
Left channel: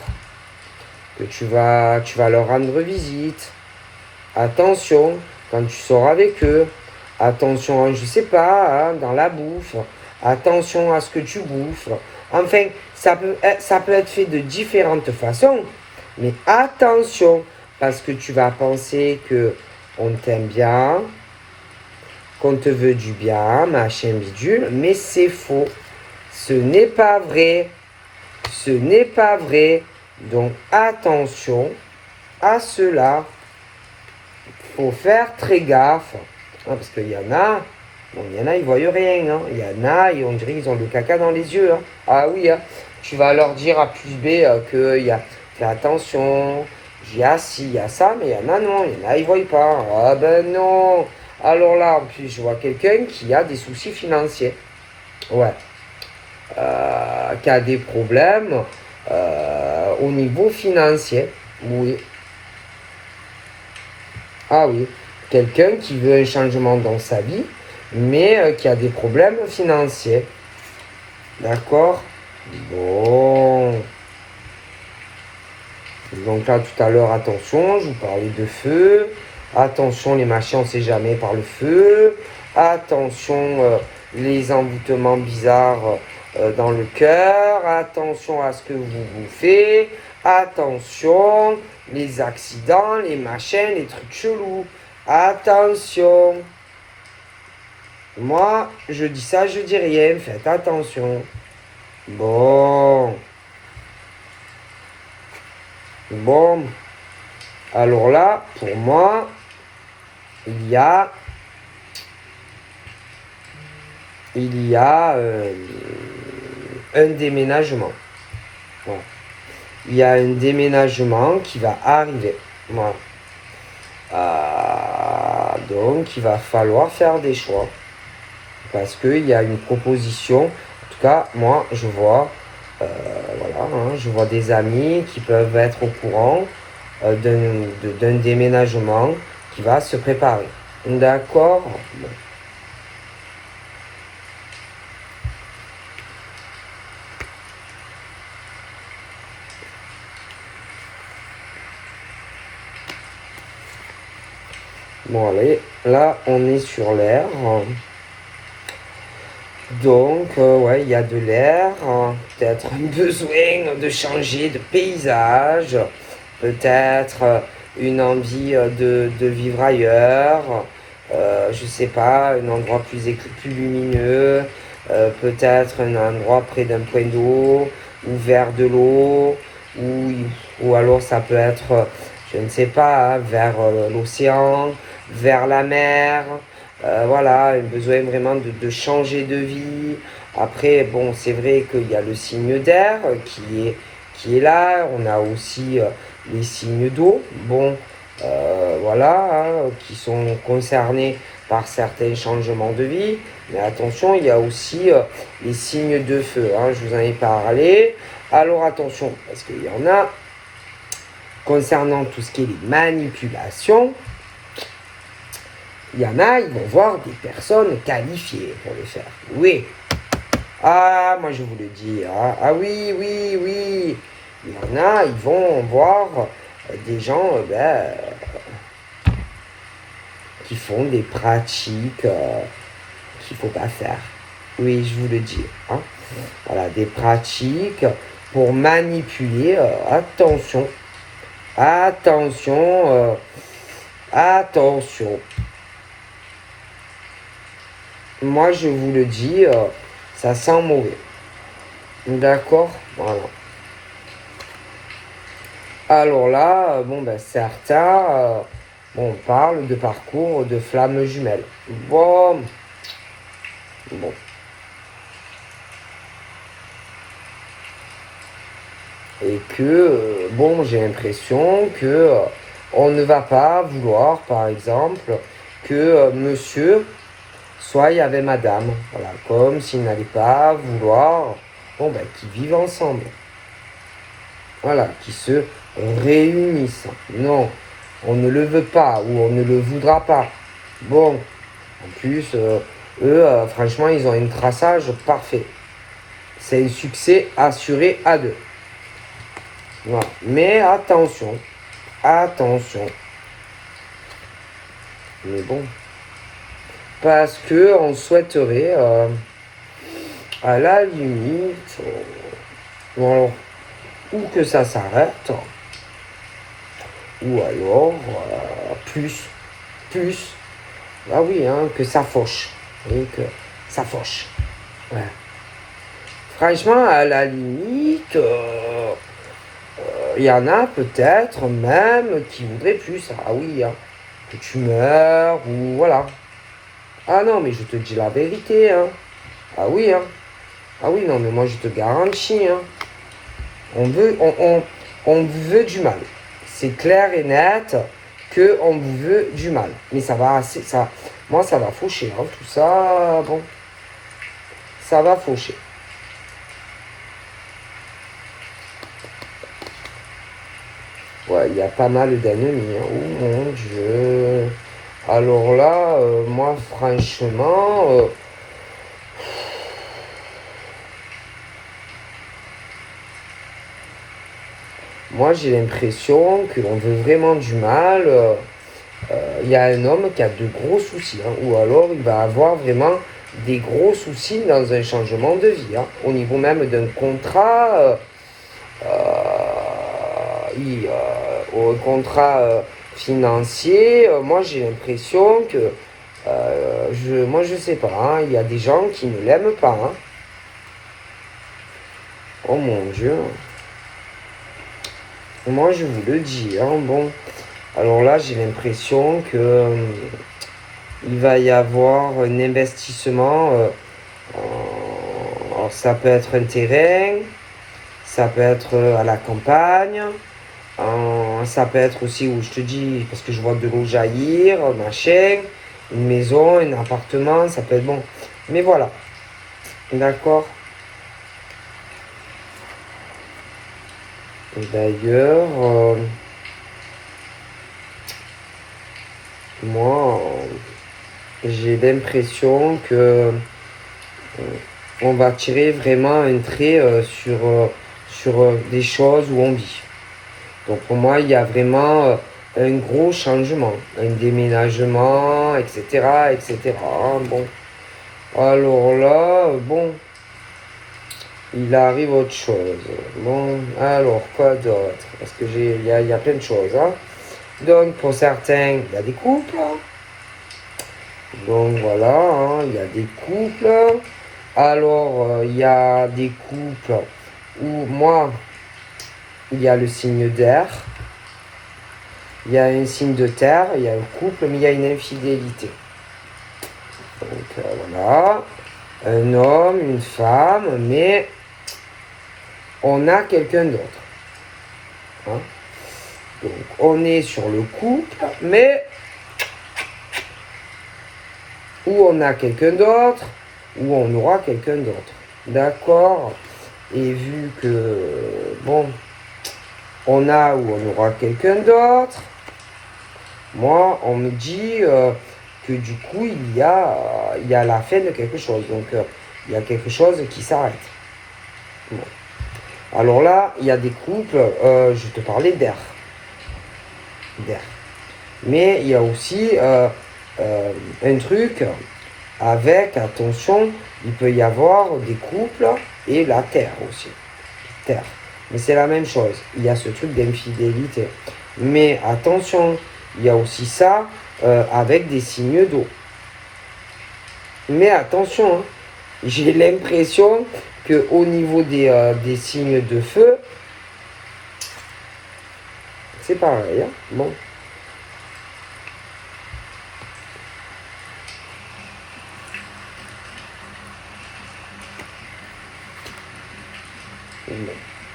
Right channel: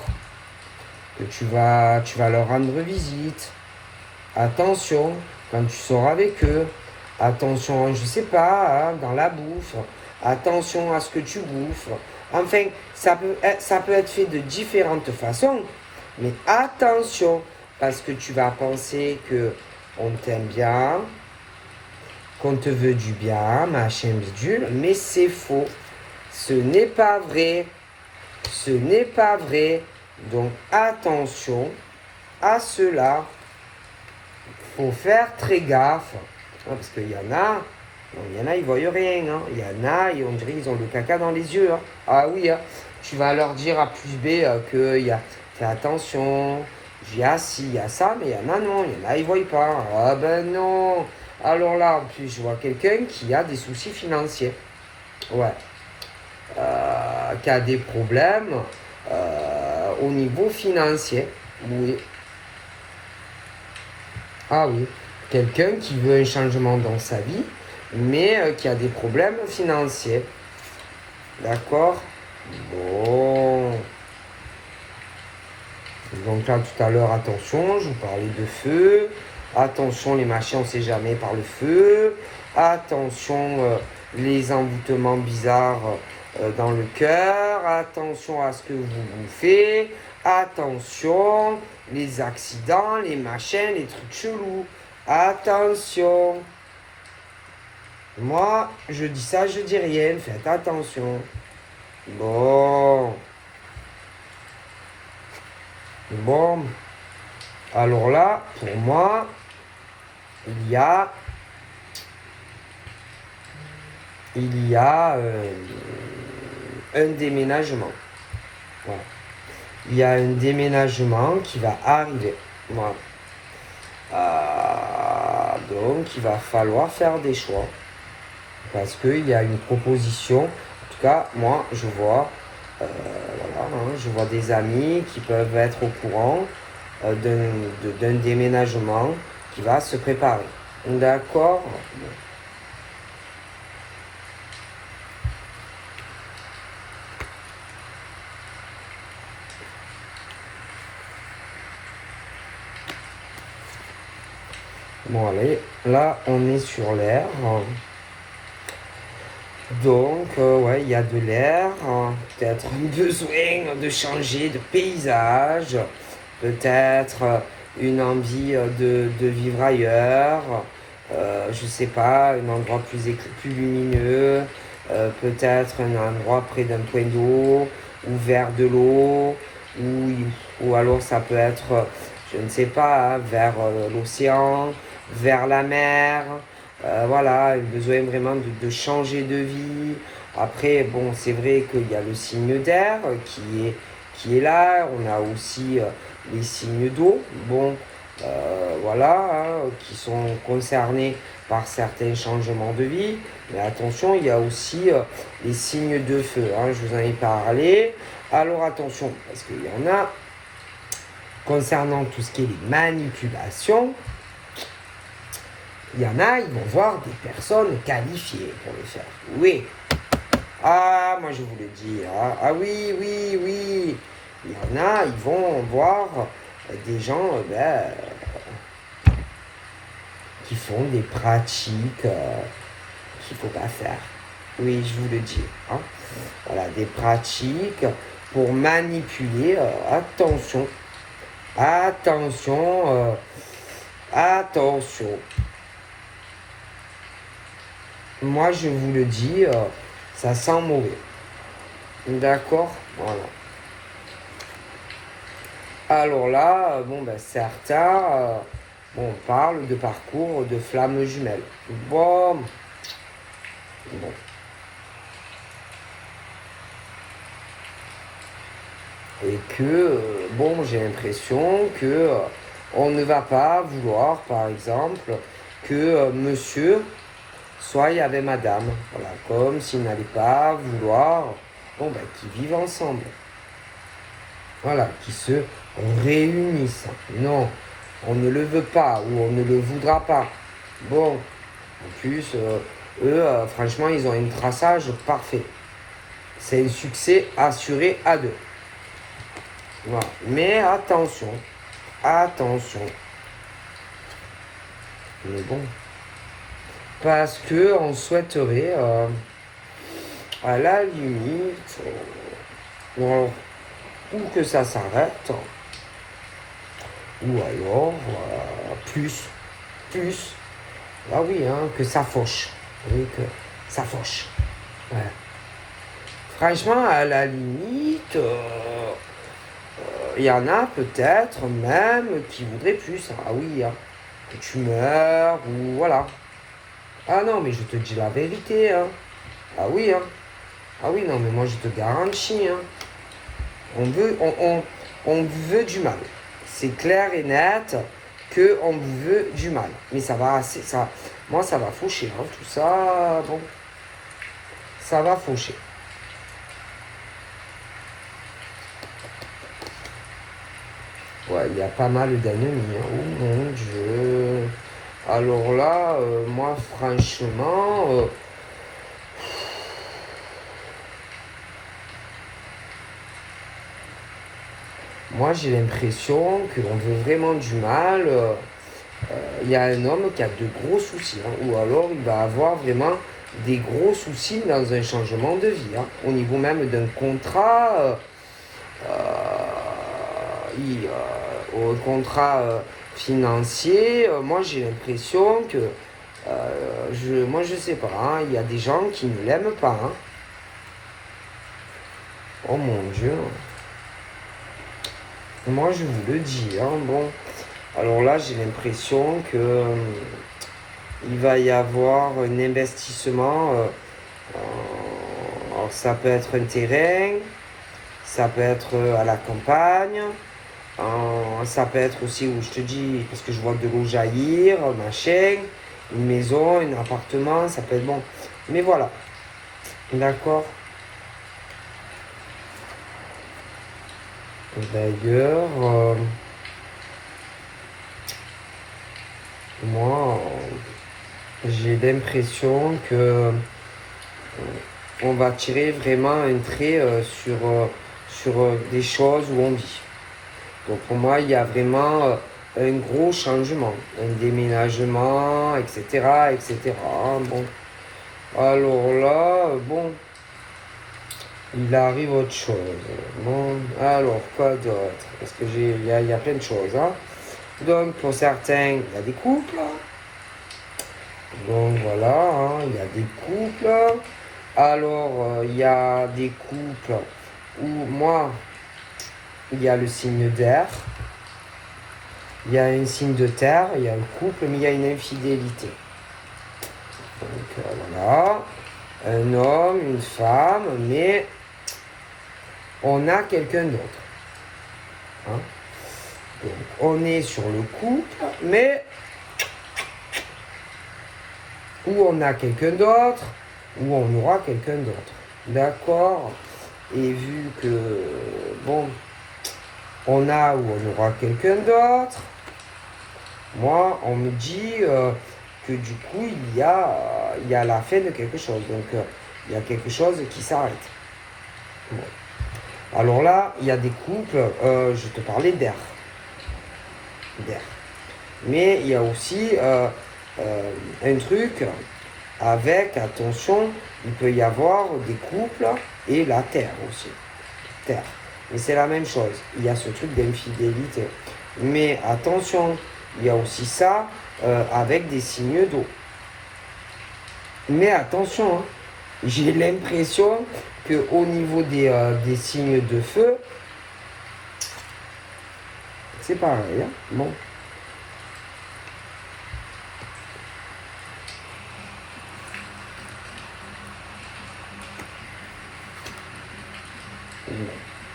que tu vas leur rendre visite. Attention quand tu sors avec eux. Attention, je sais pas, hein, dans la bouffe. Attention à ce que tu bouffes. Enfin, ça peut être fait de différentes façons. Mais attention, parce que tu vas penser que on t'aime bien, qu'on te veut du bien, machin bidule, mais c'est faux. Ce n'est pas vrai. Ce n'est pas vrai. Donc attention à cela. Faut faire très gaffe. Hein, parce qu'il y en a, ils voient rien. Hein. Il y en a, et on dirait qu'ils ont le caca dans les yeux. Hein. Ah oui, hein. Tu vas leur dire à plus B qu'il y a, fais attention, il y a ci, il y a ça, mais il y en a non, il y en a, ils ne voient pas. Ah ben non. Alors là, en plus, je vois quelqu'un qui a des soucis financiers. Ouais. Qui a des problèmes au niveau financier. Oui. Ah oui. Quelqu'un qui veut un changement dans sa vie, mais qui a des problèmes financiers. D'accord? Bon. Donc là, tout à l'heure, attention, je vous parlais de feu. Attention, les machins, on ne sait jamais par le feu. Attention, les envoûtements bizarres dans le cœur. Attention à ce que vous bouffez. Attention, les accidents, les machins, les trucs chelous. Attention. Moi, je dis ça, je dis rien. Faites attention. Bon. Bon. Alors là, pour moi, il y a un déménagement. Voilà. Il y a un déménagement qui va arriver. Voilà. Donc, il va falloir faire des choix. Parce qu'il y a une proposition. En tout cas, moi, je vois, voilà, hein, je vois des amis qui peuvent être au courant d'un déménagement qui va se préparer. D'accord? Bon, allez, là, on est sur l'air. Donc, ouais, il y a de l'air. Peut-être un besoin de changer de paysage. Peut-être une envie de vivre ailleurs. Je sais pas, un endroit plus lumineux. Peut-être un endroit près d'un point d'eau ou vers de l'eau. Ou alors ça peut être, je ne sais pas, hein, vers l'océan, vers la mer. Voilà, un besoin vraiment de changer de vie. Après, bon, c'est vrai qu'il y a le signe d'air qui est là. On a aussi les signes d'eau, bon, voilà, hein, qui sont concernés par certains changements de vie. Mais attention, il y a aussi les signes de feu. Hein, je vous en ai parlé. Alors attention, parce qu'il y en a concernant tout ce qui est les manipulations. Il y en a, ils vont voir des personnes qualifiées pour le faire. Oui. Ah, moi je vous le dis. Ah oui, oui, oui. Il y en a, ils vont voir des gens qui font des pratiques qu'il ne faut pas faire. Oui, je vous le dis. Hein. Voilà, des pratiques pour manipuler. Attention. Attention. Attention. Moi, je vous le dis, ça sent mauvais. D'accord? Voilà. Alors là, bon, ben, certains Bon, on parle de parcours de flammes jumelles. Bon. Et que, bon, j'ai l'impression que on ne va pas vouloir, par exemple, que monsieur soit avec madame. Voilà, comme s'ils n'allaient pas vouloir, bon, ben, qu'ils vivent ensemble. Voilà, qu'ils se réunissent. Non, on ne le veut pas ou on ne le voudra pas. Bon, en plus, eux, franchement, ils ont un traçage parfait. C'est un succès assuré à deux. Voilà. Mais attention, attention. Mais bon. Parce que on souhaiterait, à la limite, bon, ou que ça s'arrête, ou alors, plus, ah oui, hein, que ça fauche. Oui, que ça fauche. Ouais. Franchement, à la limite, y en a peut-être même qui voudraient plus. Ah oui, hein, que tu meurs, ou voilà. Ah non, mais je te dis la vérité, hein. Ah oui, hein. Ah oui, non, mais moi je te garantis, hein. On vous veut du mal. C'est clair et net que on vous veut du mal. Mais ça va assez, moi ça va faucher, hein. Tout ça, bon, ça va faucher. Ouais, il y a pas mal d'ennemis, hein. Oh mon Dieu. Alors là, moi franchement, moi j'ai l'impression qu'on veut vraiment du mal. Il y a un homme qui a de gros soucis, hein, ou alors il va avoir vraiment des gros soucis dans un changement de vie, hein, au niveau même d'un contrat, au contrat financier. Moi j'ai l'impression que, moi je sais pas, hein, il y a des gens qui ne l'aiment pas. Hein. Oh mon Dieu. Moi je vous le dis, hein, bon. Alors là j'ai l'impression que il va y avoir un investissement. Alors ça peut être un terrain, ça peut être à la campagne, ça peut être aussi où je te dis, parce que je vois de l'eau jaillir, machin, une maison, un appartement, ça peut être bon. Mais voilà, d'accord. D'ailleurs, moi, j'ai l'impression que on va tirer vraiment un trait sur des choses où on vit. Donc pour moi, il y a vraiment un gros changement, un déménagement, etc., etc. Bon, alors là, bon, il arrive autre chose. Bon, alors quoi d'autre? Parce que il y a plein de choses. Hein. Donc pour certains, il y a des couples. Donc voilà, hein, il y a des couples. Alors, il y a des couples où moi, il y a le signe d'air, il y a un signe de terre, il y a un couple, mais il y a une infidélité. Donc voilà, un homme, une femme, mais on a quelqu'un d'autre. Hein? Donc on est sur le couple, mais où on a quelqu'un d'autre, où on aura quelqu'un d'autre. D'accord? Et vu que, bon, on a ou on aura quelqu'un d'autre, moi, on me dit que du coup, il y a la fin de quelque chose. Donc, il y a quelque chose qui s'arrête. Bon. Alors là, il y a des couples, je te parlais d'air. D'air. Mais il y a aussi un truc avec, attention, il peut y avoir des couples et la terre aussi. Terre. Mais c'est la même chose. Il y a ce truc d'infidélité. Mais attention, il y a aussi ça avec des signes d'eau. Mais attention, hein, j'ai l'impression qu'au niveau des signes de feu, c'est pareil. Hein. Bon.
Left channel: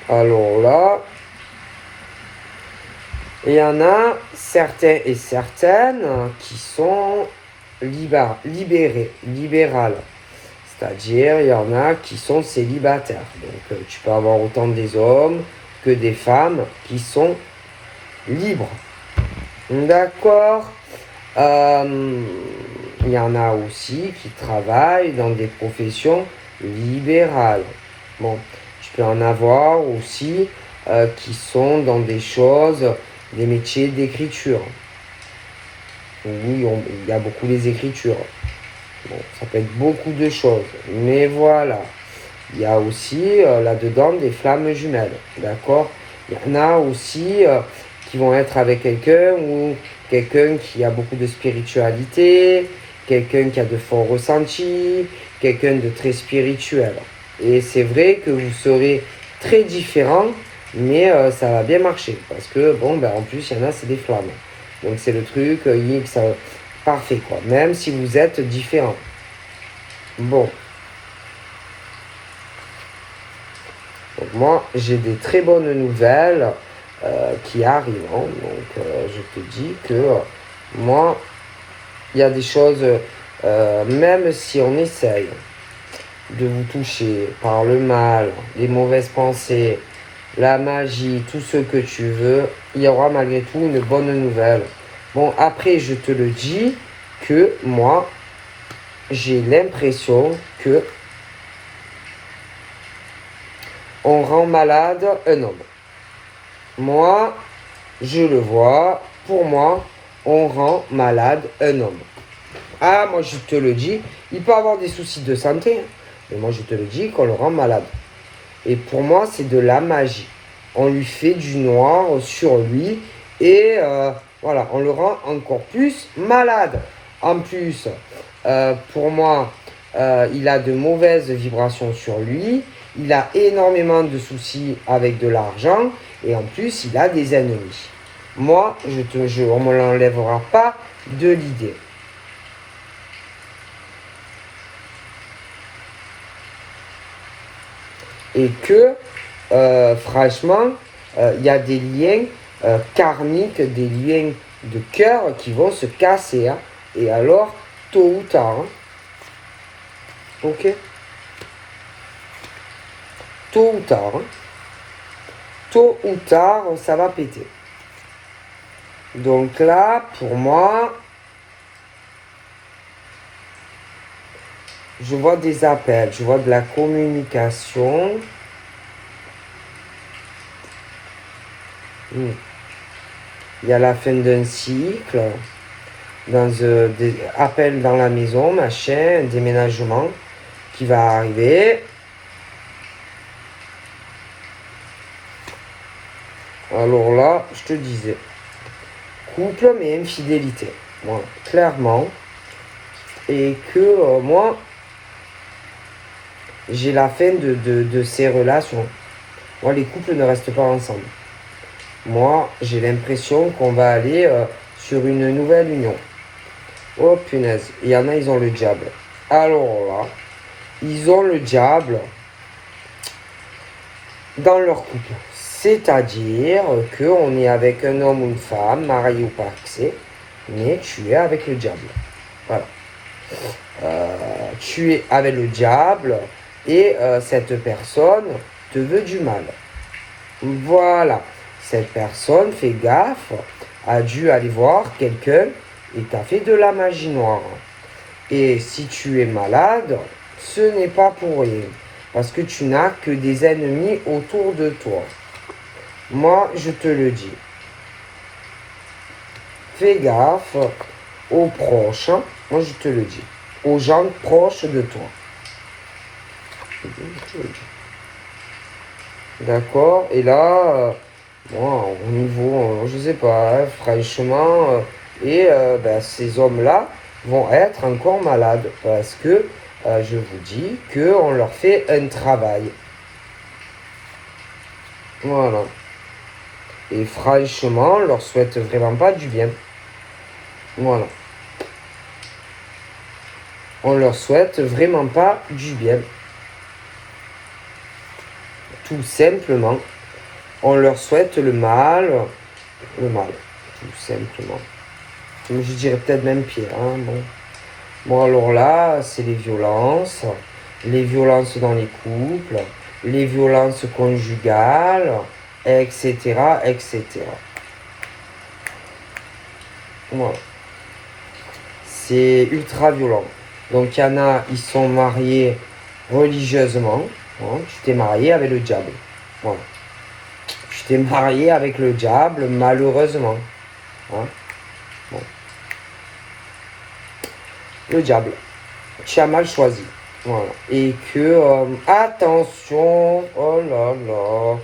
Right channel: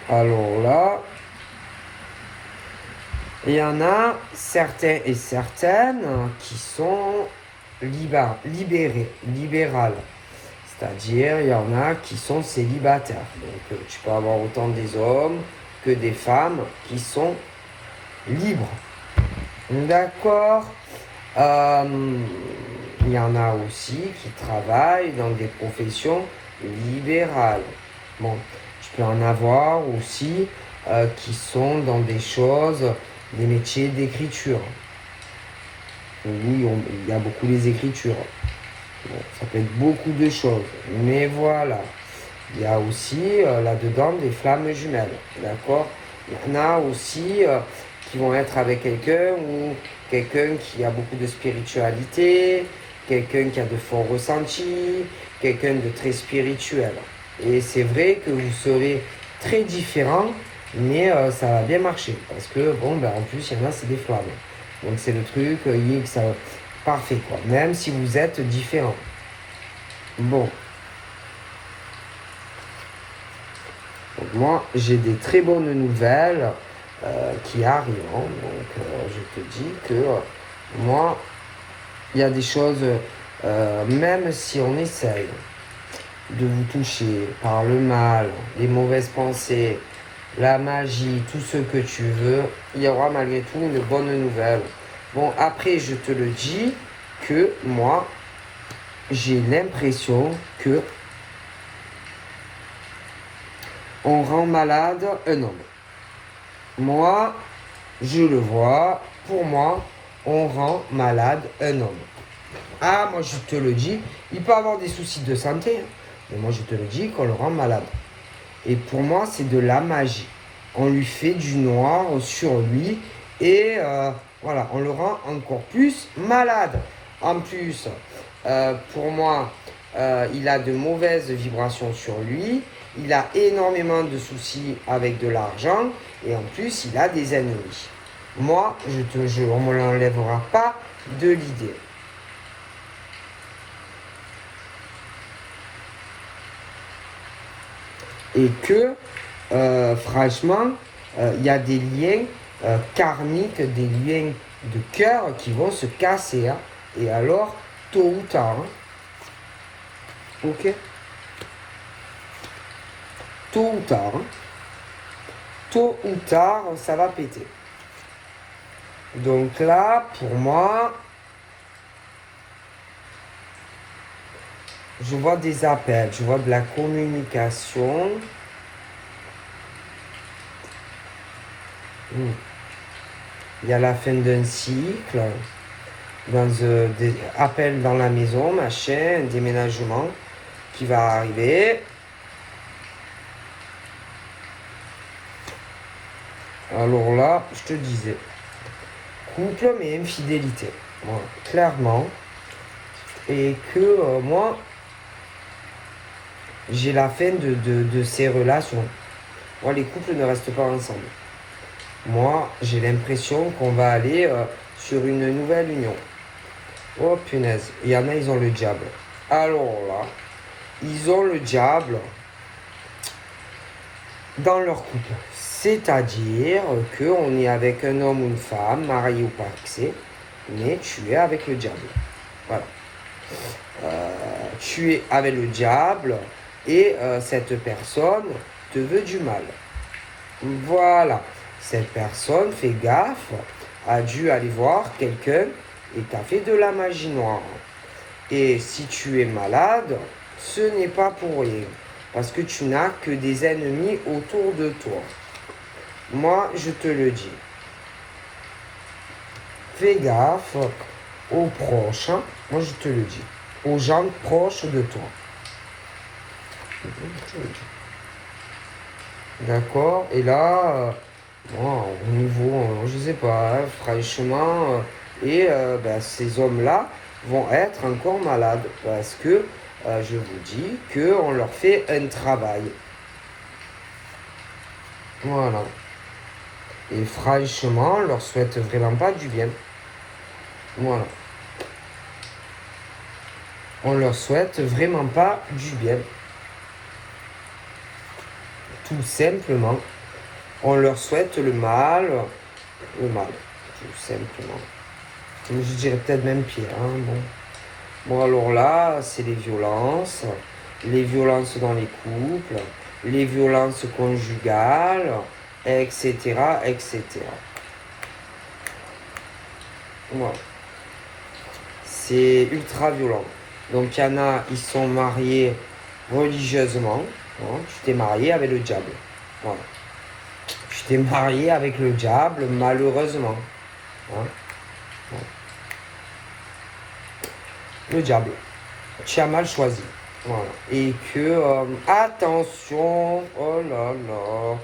Alors là, il y en a certains et certaines qui sont libérales. C'est-à-dire, il y en a qui sont célibataires. Donc, tu peux avoir autant des hommes que des femmes qui sont libres. D'accord. Il y en a aussi qui travaillent dans des professions libérales. Bon, tu peux en avoir aussi qui sont dans des choses, des métiers d'écriture. Oui, il y a beaucoup des écritures. Bon, ça peut être beaucoup de choses. Mais voilà. Il y a aussi là-dedans des flammes jumelles. D'accord? Il y en a aussi qui vont être avec quelqu'un ou quelqu'un qui a beaucoup de spiritualité, quelqu'un qui a de forts ressentis, quelqu'un de très spirituel. Et c'est vrai que vous serez très différents, mais ça va bien marcher. Parce que, bon, ben, en plus, il y en a, c'est des flammes. Donc, c'est le truc, ça, parfait, quoi. Même si vous êtes différents. Bon. Donc, moi, j'ai des très bonnes nouvelles qui arrivent. Hein. Donc, je te dis que moi, il y a des choses, même si on essaye de vous toucher par le mal, les mauvaises pensées, la magie, tout ce que tu veux, il y aura malgré tout une bonne nouvelle. Bon, après, je te le dis que moi, j'ai l'impression que on rend malade un homme. Moi, je le vois, pour moi, on rend malade un homme. Ah, moi je te le dis, il peut avoir des soucis de santé, mais moi je te le dis qu'on le rend malade. Et pour moi, c'est de la magie. On lui fait du noir sur lui et voilà, on le rend encore plus malade. En plus, pour moi, il a de mauvaises vibrations sur lui, il a énormément de soucis avec de l'argent et en plus, il a des ennemis. Moi, on ne me l'enlèvera pas de l'idée. Et que, franchement, il y a des liens karmiques, des liens de cœur qui vont se casser. Hein. Et alors, tôt ou tard, hein. Ok? Tôt ou tard, hein. Tôt ou tard, ça va péter. Donc là, pour moi, je vois des appels, je vois de la communication. Il y a la fin d'un cycle, des appels dans la maison, machin, un déménagement qui va arriver. Alors là, je te disais, couple mais infidélité. Voilà, clairement. Et que moi, j'ai la fin de ces relations. Moi, les couples ne restent pas ensemble. Moi, j'ai l'impression qu'on va aller sur une nouvelle union. Oh punaise, il y en a, ils ont le diable. Alors là, ils ont le diable dans leur couple. C'est-à-dire qu'on est avec un homme ou une femme, marié ou pas, mais tu es avec le diable. Voilà. Tu es avec le diable et cette personne te veut du mal. Voilà. Cette personne, fait gaffe, a dû aller voir quelqu'un et t'a fait de la magie noire. Et si tu es malade, ce n'est pas pour rien. Parce que tu n'as que des ennemis autour de toi. Moi, je te le dis. Fais gaffe aux proches. Moi, je te le dis. Aux gens proches de toi. D'accord? Et là, moi, au niveau, je sais pas, hein, franchement, ces hommes-là vont être encore malades parce que je vous dis qu'on leur fait un travail. Voilà. Et franchement, on leur souhaite vraiment pas du bien. Voilà. On leur souhaite vraiment pas du bien. tout simplement, on leur souhaite le mal, tout simplement. Je dirais peut-être même pire, hein, bon. Bon, alors là, c'est les violences dans les couples, les violences conjugales, etc., etc. Voilà. C'est ultra violent. Donc, il y en a, ils sont mariés religieusement. Hein, tu t'es marié avec le diable. Voilà. Tu t'es marié avec le diable, malheureusement. Hein. Bon. Le diable. Tu as mal choisi. Voilà. Et que, attention, oh là là,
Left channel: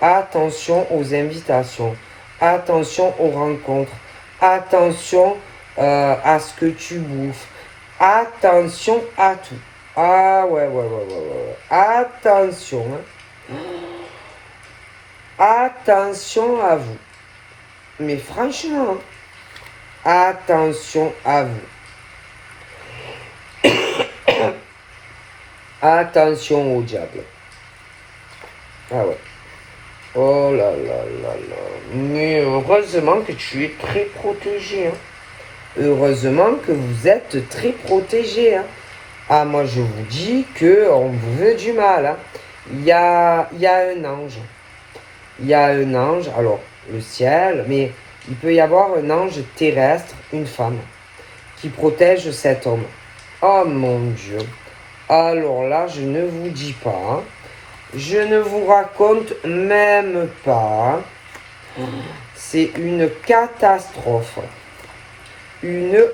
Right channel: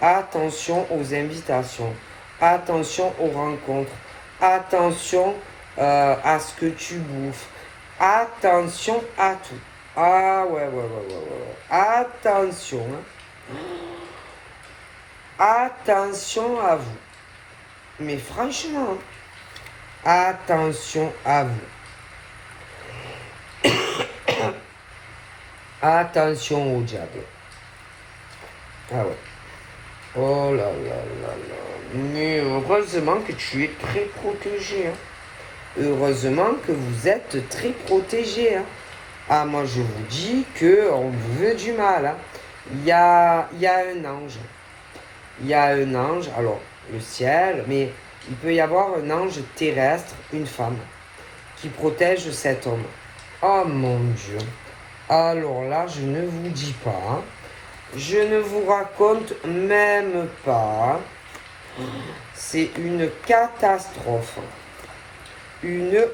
attention aux invitations, attention aux rencontres, attention à ce que tu bouffes, attention à tout. Ah ouais. Attention, hein. Attention à vous. Mais franchement, attention à vous. Attention au diable. Ah ouais. Oh là là là là. Mais heureusement que tu es très protégé. Hein. Heureusement que vous êtes très protégé. Hein. Ah, moi je vous dis qu'on vous veut du mal. Hein. Il y a un ange. Il y a un ange, alors le ciel, mais il peut y avoir un ange terrestre, une femme, qui protège cet homme. Oh mon Dieu. Alors là, je ne vous dis pas. Je ne vous raconte même pas. C'est une catastrophe.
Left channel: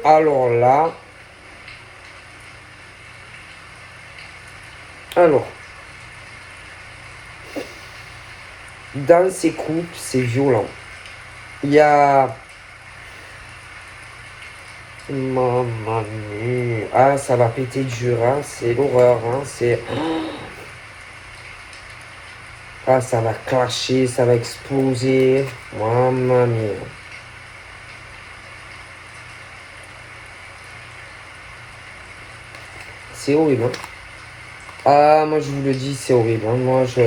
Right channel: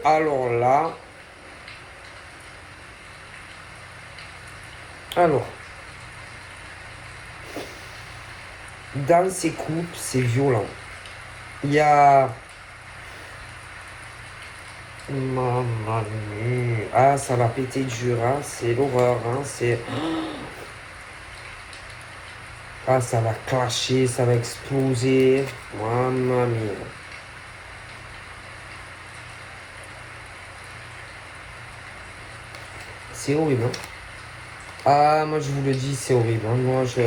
Alors là. Alors. Dans ces couples, c'est violent. Il y a. Maman mia. Ah, ça va péter dur, hein. C'est l'horreur, hein. C'est. Ah, ça va clasher, ça va exploser. Maman mia. C'est horrible, hein. Ah, moi je vous le dis, c'est horrible. Hein. Moi, je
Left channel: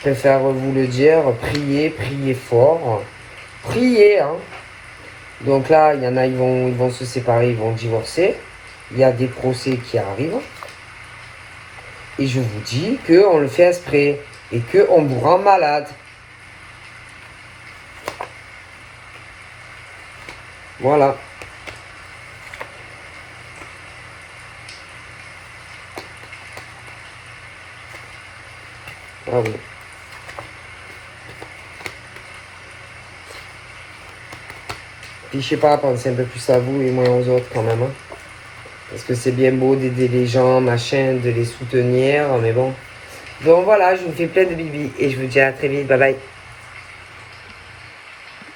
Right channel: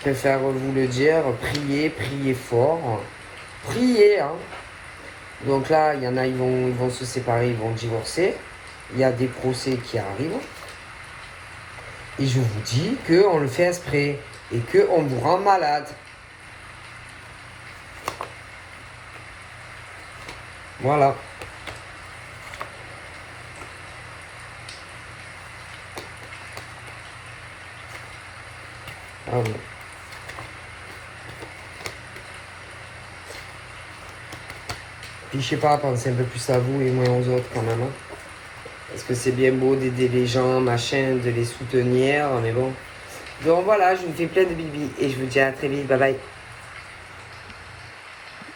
préfère vous le dire. Priez fort. Priez, hein. Donc là, il y en a, ils vont se séparer, ils vont divorcer. Il y a des procès qui arrivent. Et je vous dis qu'on le fait exprès. Et qu'on vous rend malade. Voilà. Ah oui. Puis je sais pas, pensez un peu plus à vous et moins aux autres quand même. Hein. Parce que c'est bien beau d'aider les gens, machin, de les soutenir, mais bon. Donc voilà, je vous fais plein de bibis et je vous dis à très vite. Bye bye.